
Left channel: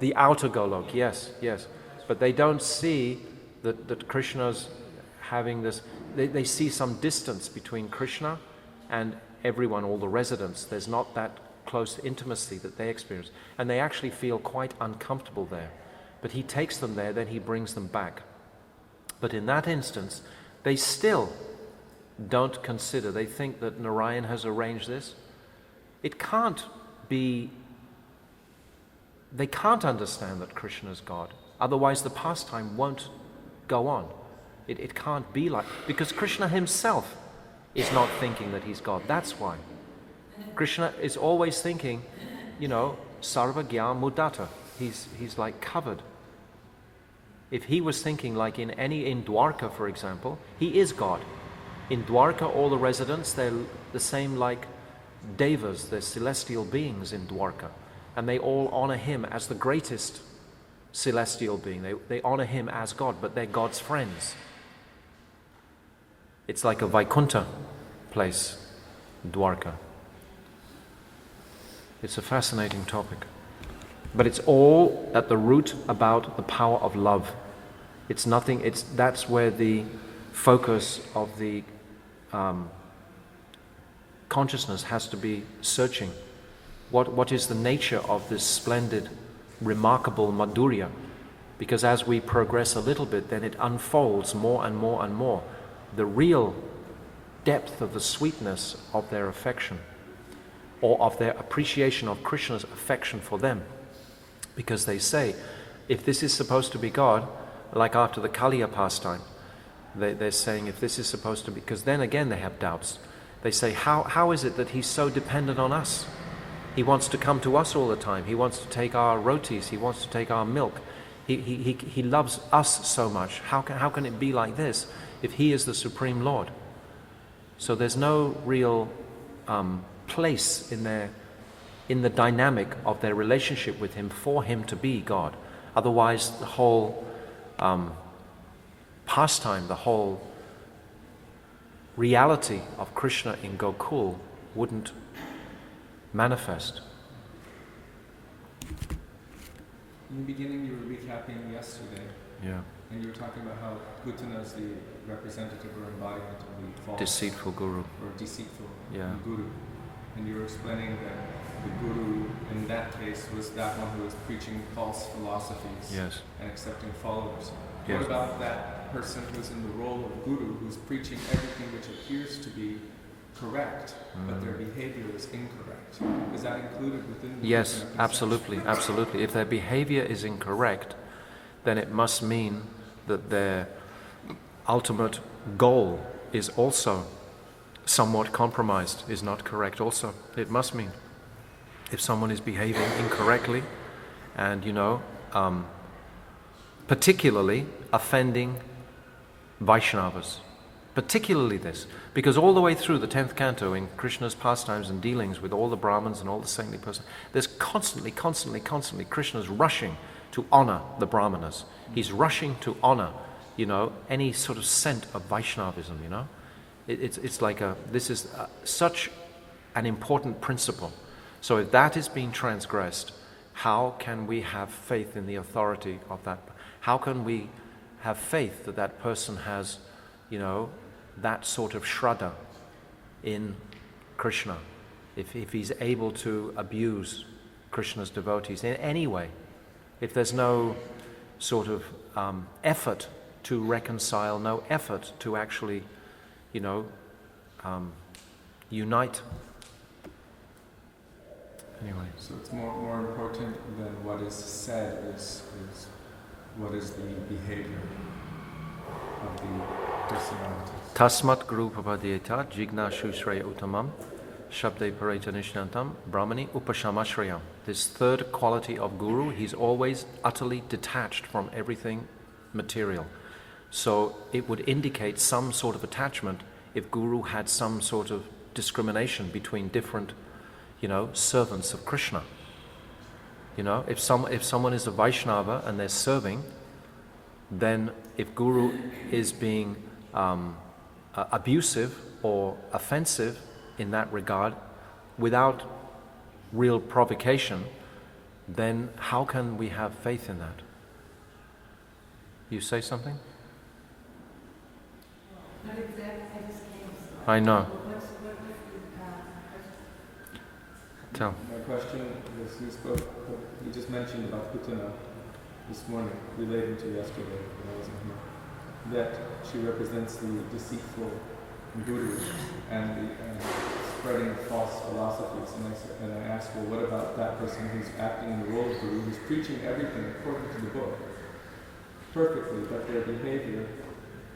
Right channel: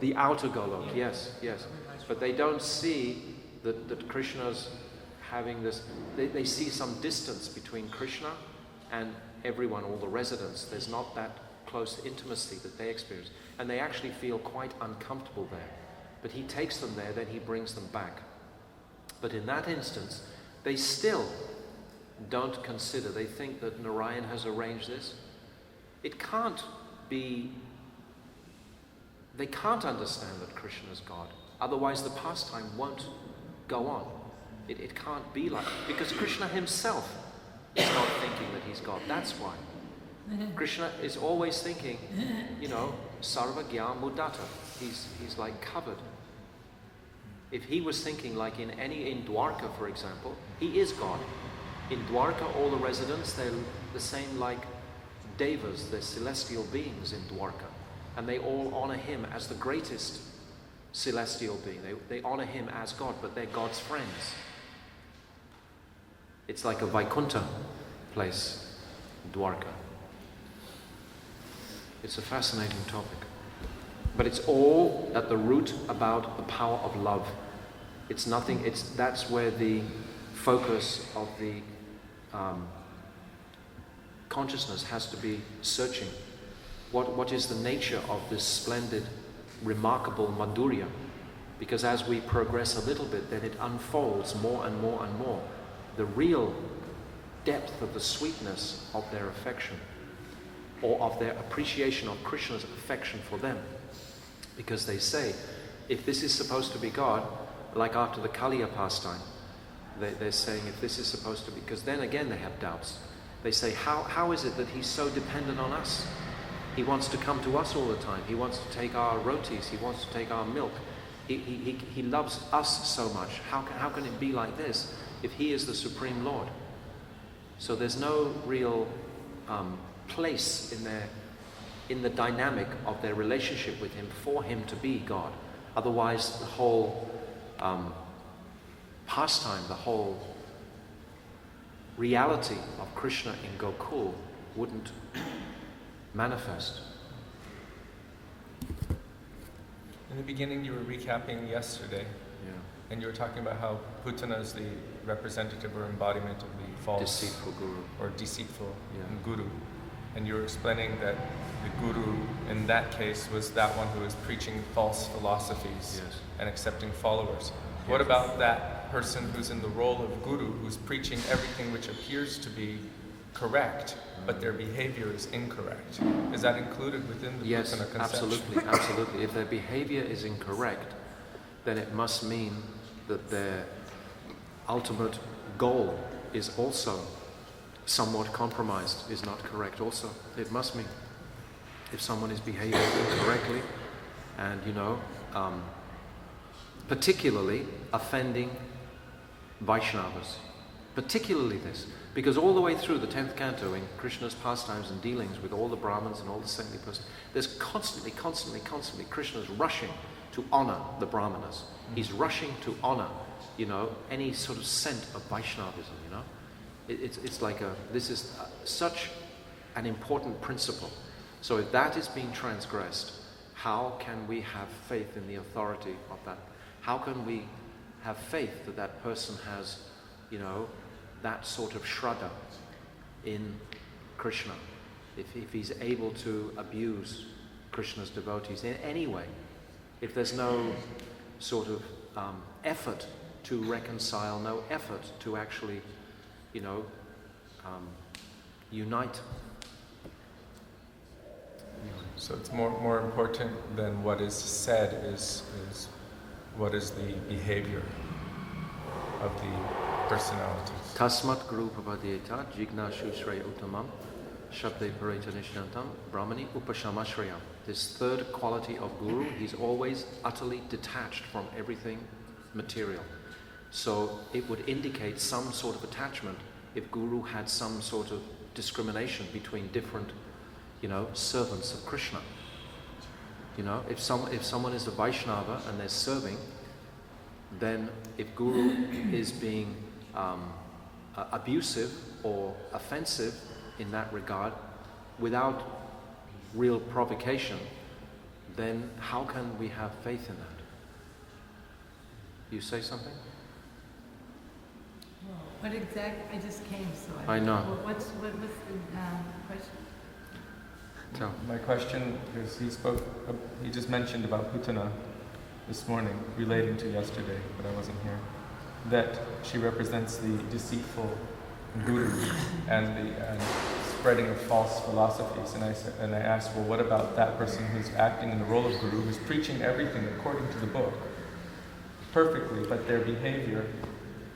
The outer Golok, yes. But they don't see that Krishna's having this, they see some distance between Krishna and everyone, all the residents. There's not that close intimacy that they experience. And they actually feel quite uncomfortable there. But he takes them there, then he brings them back. But in that instance, they still don't consider, they think that Narayan has arranged this. It can't be, they can't understand that Krishna is God. Otherwise the pastime won't go on. It can't be like, because Krishna himself is not thinking that he's God. That's why. Krishna is always thinking, you know, sarva gyam mudata. He's like covered. If he was thinking like in Dwarka, for example, he is God. In Dwarka, all the residents, they're the same like devas, they're celestial beings in Dwarka. And they all honor him as the greatest celestial being. They honor him as God, but they're God's friends. It's like a Vaikuntha place, Dwarka. It's a fascinating topic. But it's all at the root about the power of love. It's nothing, that's where the focus of the consciousness has to be searching. What is the nature of this splendid, remarkable madhurya? Because as we progress a little bit, then it unfolds more and more and more. The real depth of the sweetness of their affection, or of their appreciation of Krishna's affection for them. Because they say, if this is supposed to be God, like after the Kaliya pastime, they're saying if this is supposed to be, because then again they have doubts. They say, how is it that he's so dependent on us? He wants to come to us all the time. He wants to take our rotis. He wants to take our milk. He loves us so much. How can it be like this if he is the Supreme Lord? So there's no real place in the dynamic of their relationship with him for him to be God. Otherwise, the whole pastime, the whole reality of Krishna in Gokul wouldn't manifest. In the beginning, you were recapping yesterday. Yeah. And you were talking about how Putana is the representative or embodiment of the false Deceitful guru. or deceitful Yeah. guru. And you were explaining that the guru in that case was that one who was preaching false philosophies Yes. and accepting followers. What Yes. about that person who's in the role of guru, who's preaching everything which appears to be correct, but their behavior is incorrect? Is that included within the Yes, Putana conception? absolutely, absolutely. If their behavior is incorrect, then it must mean that their ultimate goal is also somewhat compromised, is not correct also. It must mean. If someone is behaving incorrectly and, particularly offending Vaishnavas, particularly this, because all the way through the 10th canto in Krishna's pastimes and dealings with all the Brahmins and all the saintly persons, there's constantly Krishna's rushing to honor the Brahmanas. He's rushing to honor, any sort of scent of Vaishnavism, It's like this is such an important principle. So if that is being transgressed, how can we have faith in the authority of that? How can we have faith that that person has, that sort of shraddha in Krishna? If he's able to abuse Krishna's devotees in any way, if there's no sort of effort to reconcile, no effort to actually, unite. Anyway, so it's more important than what is said is what is the behavior of the personalities. Tasmat guru papadiyeta jigna shushraya uttamam shabde pareta nishyantam brahmani upashamashrayam. This third quality of guru, he's always utterly detached from everything material. So it would indicate some sort of attachment if guru had some sort of discrimination between different, servants of Krishna. If someone is a Vaishnava and they're serving, then if guru is being abusive or offensive in that regard, without real provocation, then how can we have faith in that? You say something? What exactly? I just came, so I know. What was the question? Tell. My question is, he just mentioned about Putana this morning, relating to yesterday, but I wasn't here, that she represents the deceitful guru and spreading false philosophies. And I asked, well, what about that person who's acting in the role of guru, who's preaching everything according to the book perfectly, but their behavior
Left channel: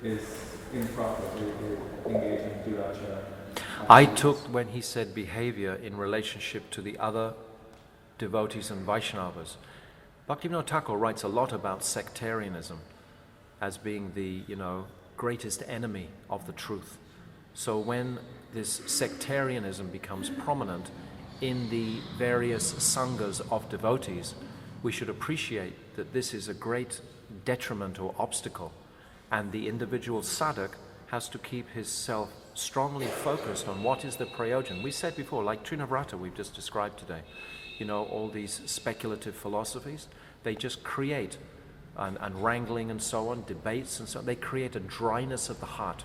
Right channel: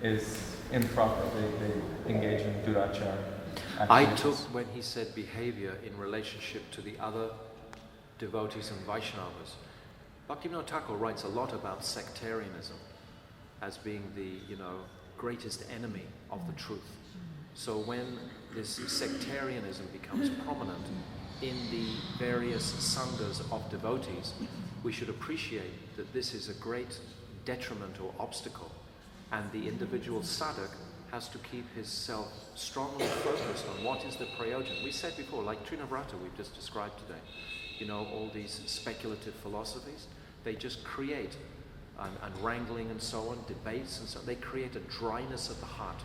is improper. They engage in durachara. I took when he said behavior in relationship to the other devotees and Vaishnavas. Bhaktivinoda Thakur writes a lot about sectarianism as being the, greatest enemy of the truth. So when this sectarianism becomes prominent in the various sanghas of devotees, we should appreciate that this is a great detriment or obstacle, and the individual sadhak has to keep his self strongly focused on what is the prayojan. We said before, like Trinavarta we've just described today, all these speculative philosophies, they just create, and wrangling and so on, debates and so on, they create a dryness of the heart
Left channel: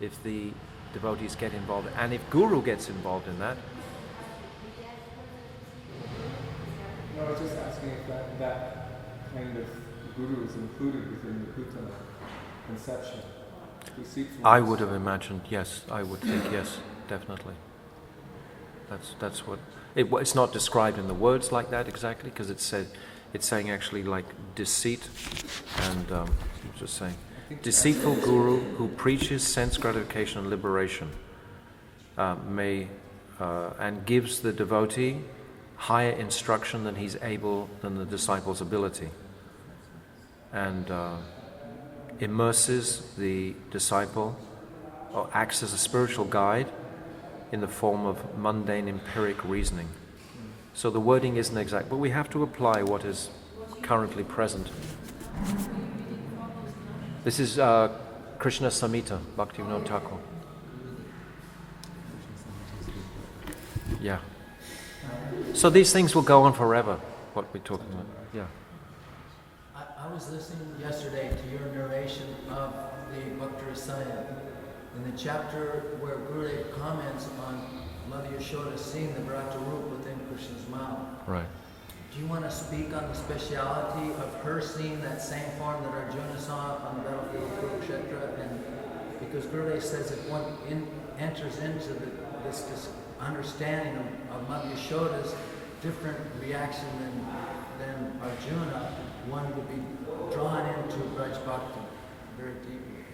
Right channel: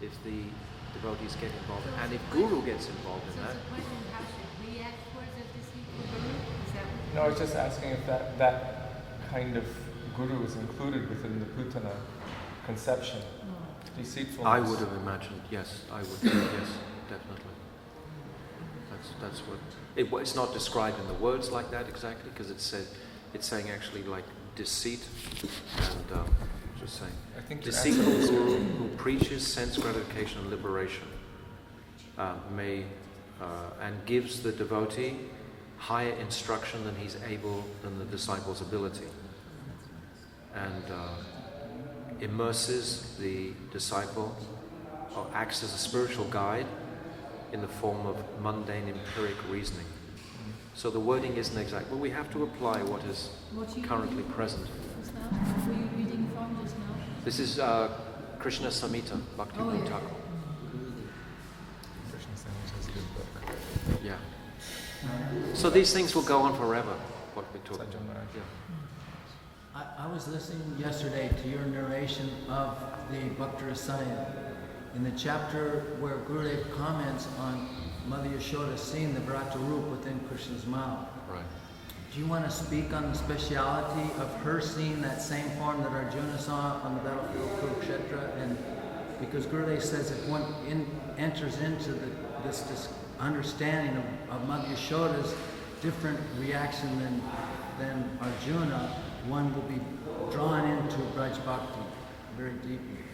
if the devotees get involved. And if guru gets involved in that, No, I was just asking if that kind of guru is included within the Putana conception. Deceitfulness. I would have imagined, yes, I would think yes, definitely. That's what it's not described in the words like that exactly, because it's saying actually like deceit and just saying deceitful guru who preaches sense gratification and liberation and gives the devotee higher instruction than the disciple's ability, and immerses the disciple or acts as a spiritual guide in the form of mundane empiric reasoning. So the wording isn't exact, but we have to apply what is currently present. This is Krishna Samhita, Bhaktivinoda Thakur. Yeah. So these things will go on forever, what we're talking about. Yeah. I was listening yesterday to your narration of the Bhakti Rasayan in the chapter where Gurudev comments on Mother Yashoda seeing the Bharata Roop within Krishna's mouth. Right. Do you want to speak on the speciality of her seeing that same form that Arjuna saw on the battlefield of Kurukshetra? And because Gurudev says if one enters into this understanding of Mother Yashoda's different reaction than Arjuna, one will be drawn into Braj Bhakti very deeply.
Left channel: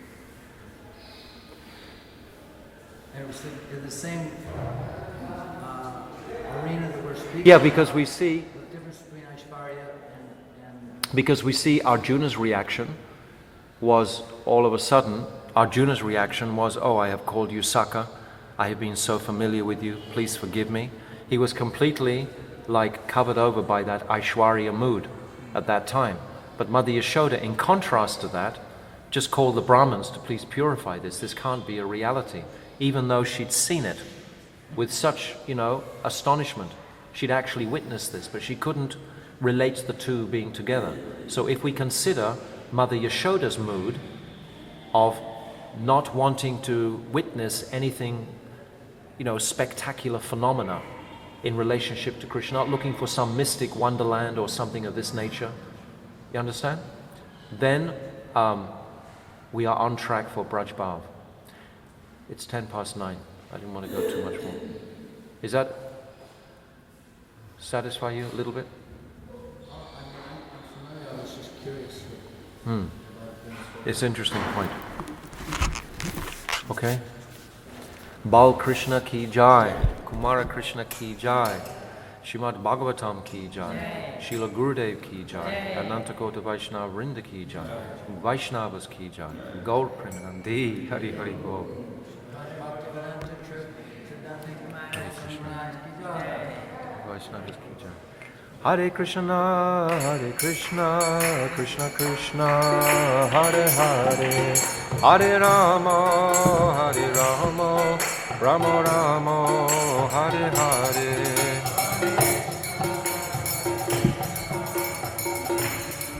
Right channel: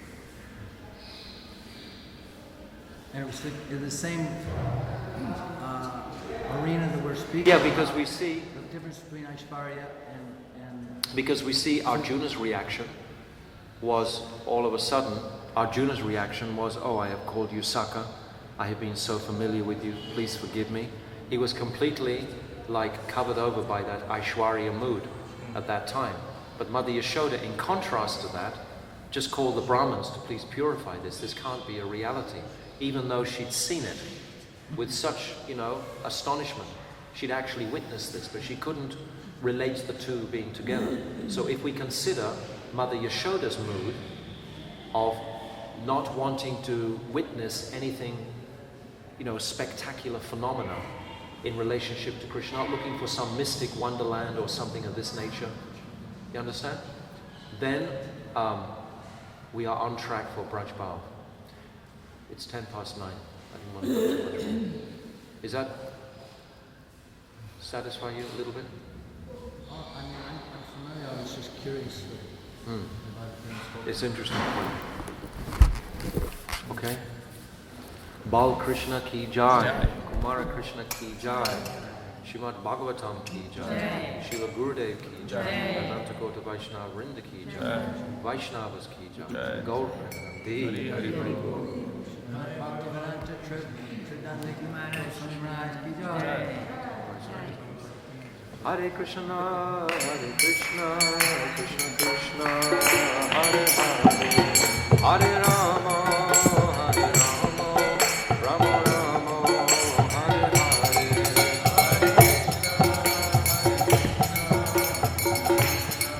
And it was the same arena that we're speaking Yeah, about. because we see The difference between Aishvarya and Because we see Arjuna's reaction was all of a sudden, Arjuna's reaction was, oh, I have called you Saka, I have been so familiar with you, please forgive me. He was completely like covered over by that Aishwarya mood at that time. But Mother Yashoda, in contrast to that, just called the Brahmins to please purify this. This can't be a reality. Even though she'd seen it with such, astonishment. She'd actually witnessed this, but she couldn't relate the two being together. So if we consider Mother Yashoda's mood of not wanting to witness anything, spectacular phenomena in relationship to Krishna, not looking for some mystic wonderland or something of this nature, you understand? Then we are on track for Braj Bhav. It's 9:10. I didn't want to go too much more. Is that satisfy you a little bit? I'm familiar. I was just curious about things. It's an interesting point. Okay. Bal Krishna ki jai, Kumara Krishna ki jai, Srimad Bhagavatam ki jai, Srila Gurudev ki jai, Anantakota Vaishnava Vrinda ki jai, Vaishnavas ki jai, Gaur Premanandi, Hari Hari Bol. Bhaktivedanta Tridandi Swami ki jai. Hare Krishna, Krishna Krishna, Hare Hare, Hare Rama, Rama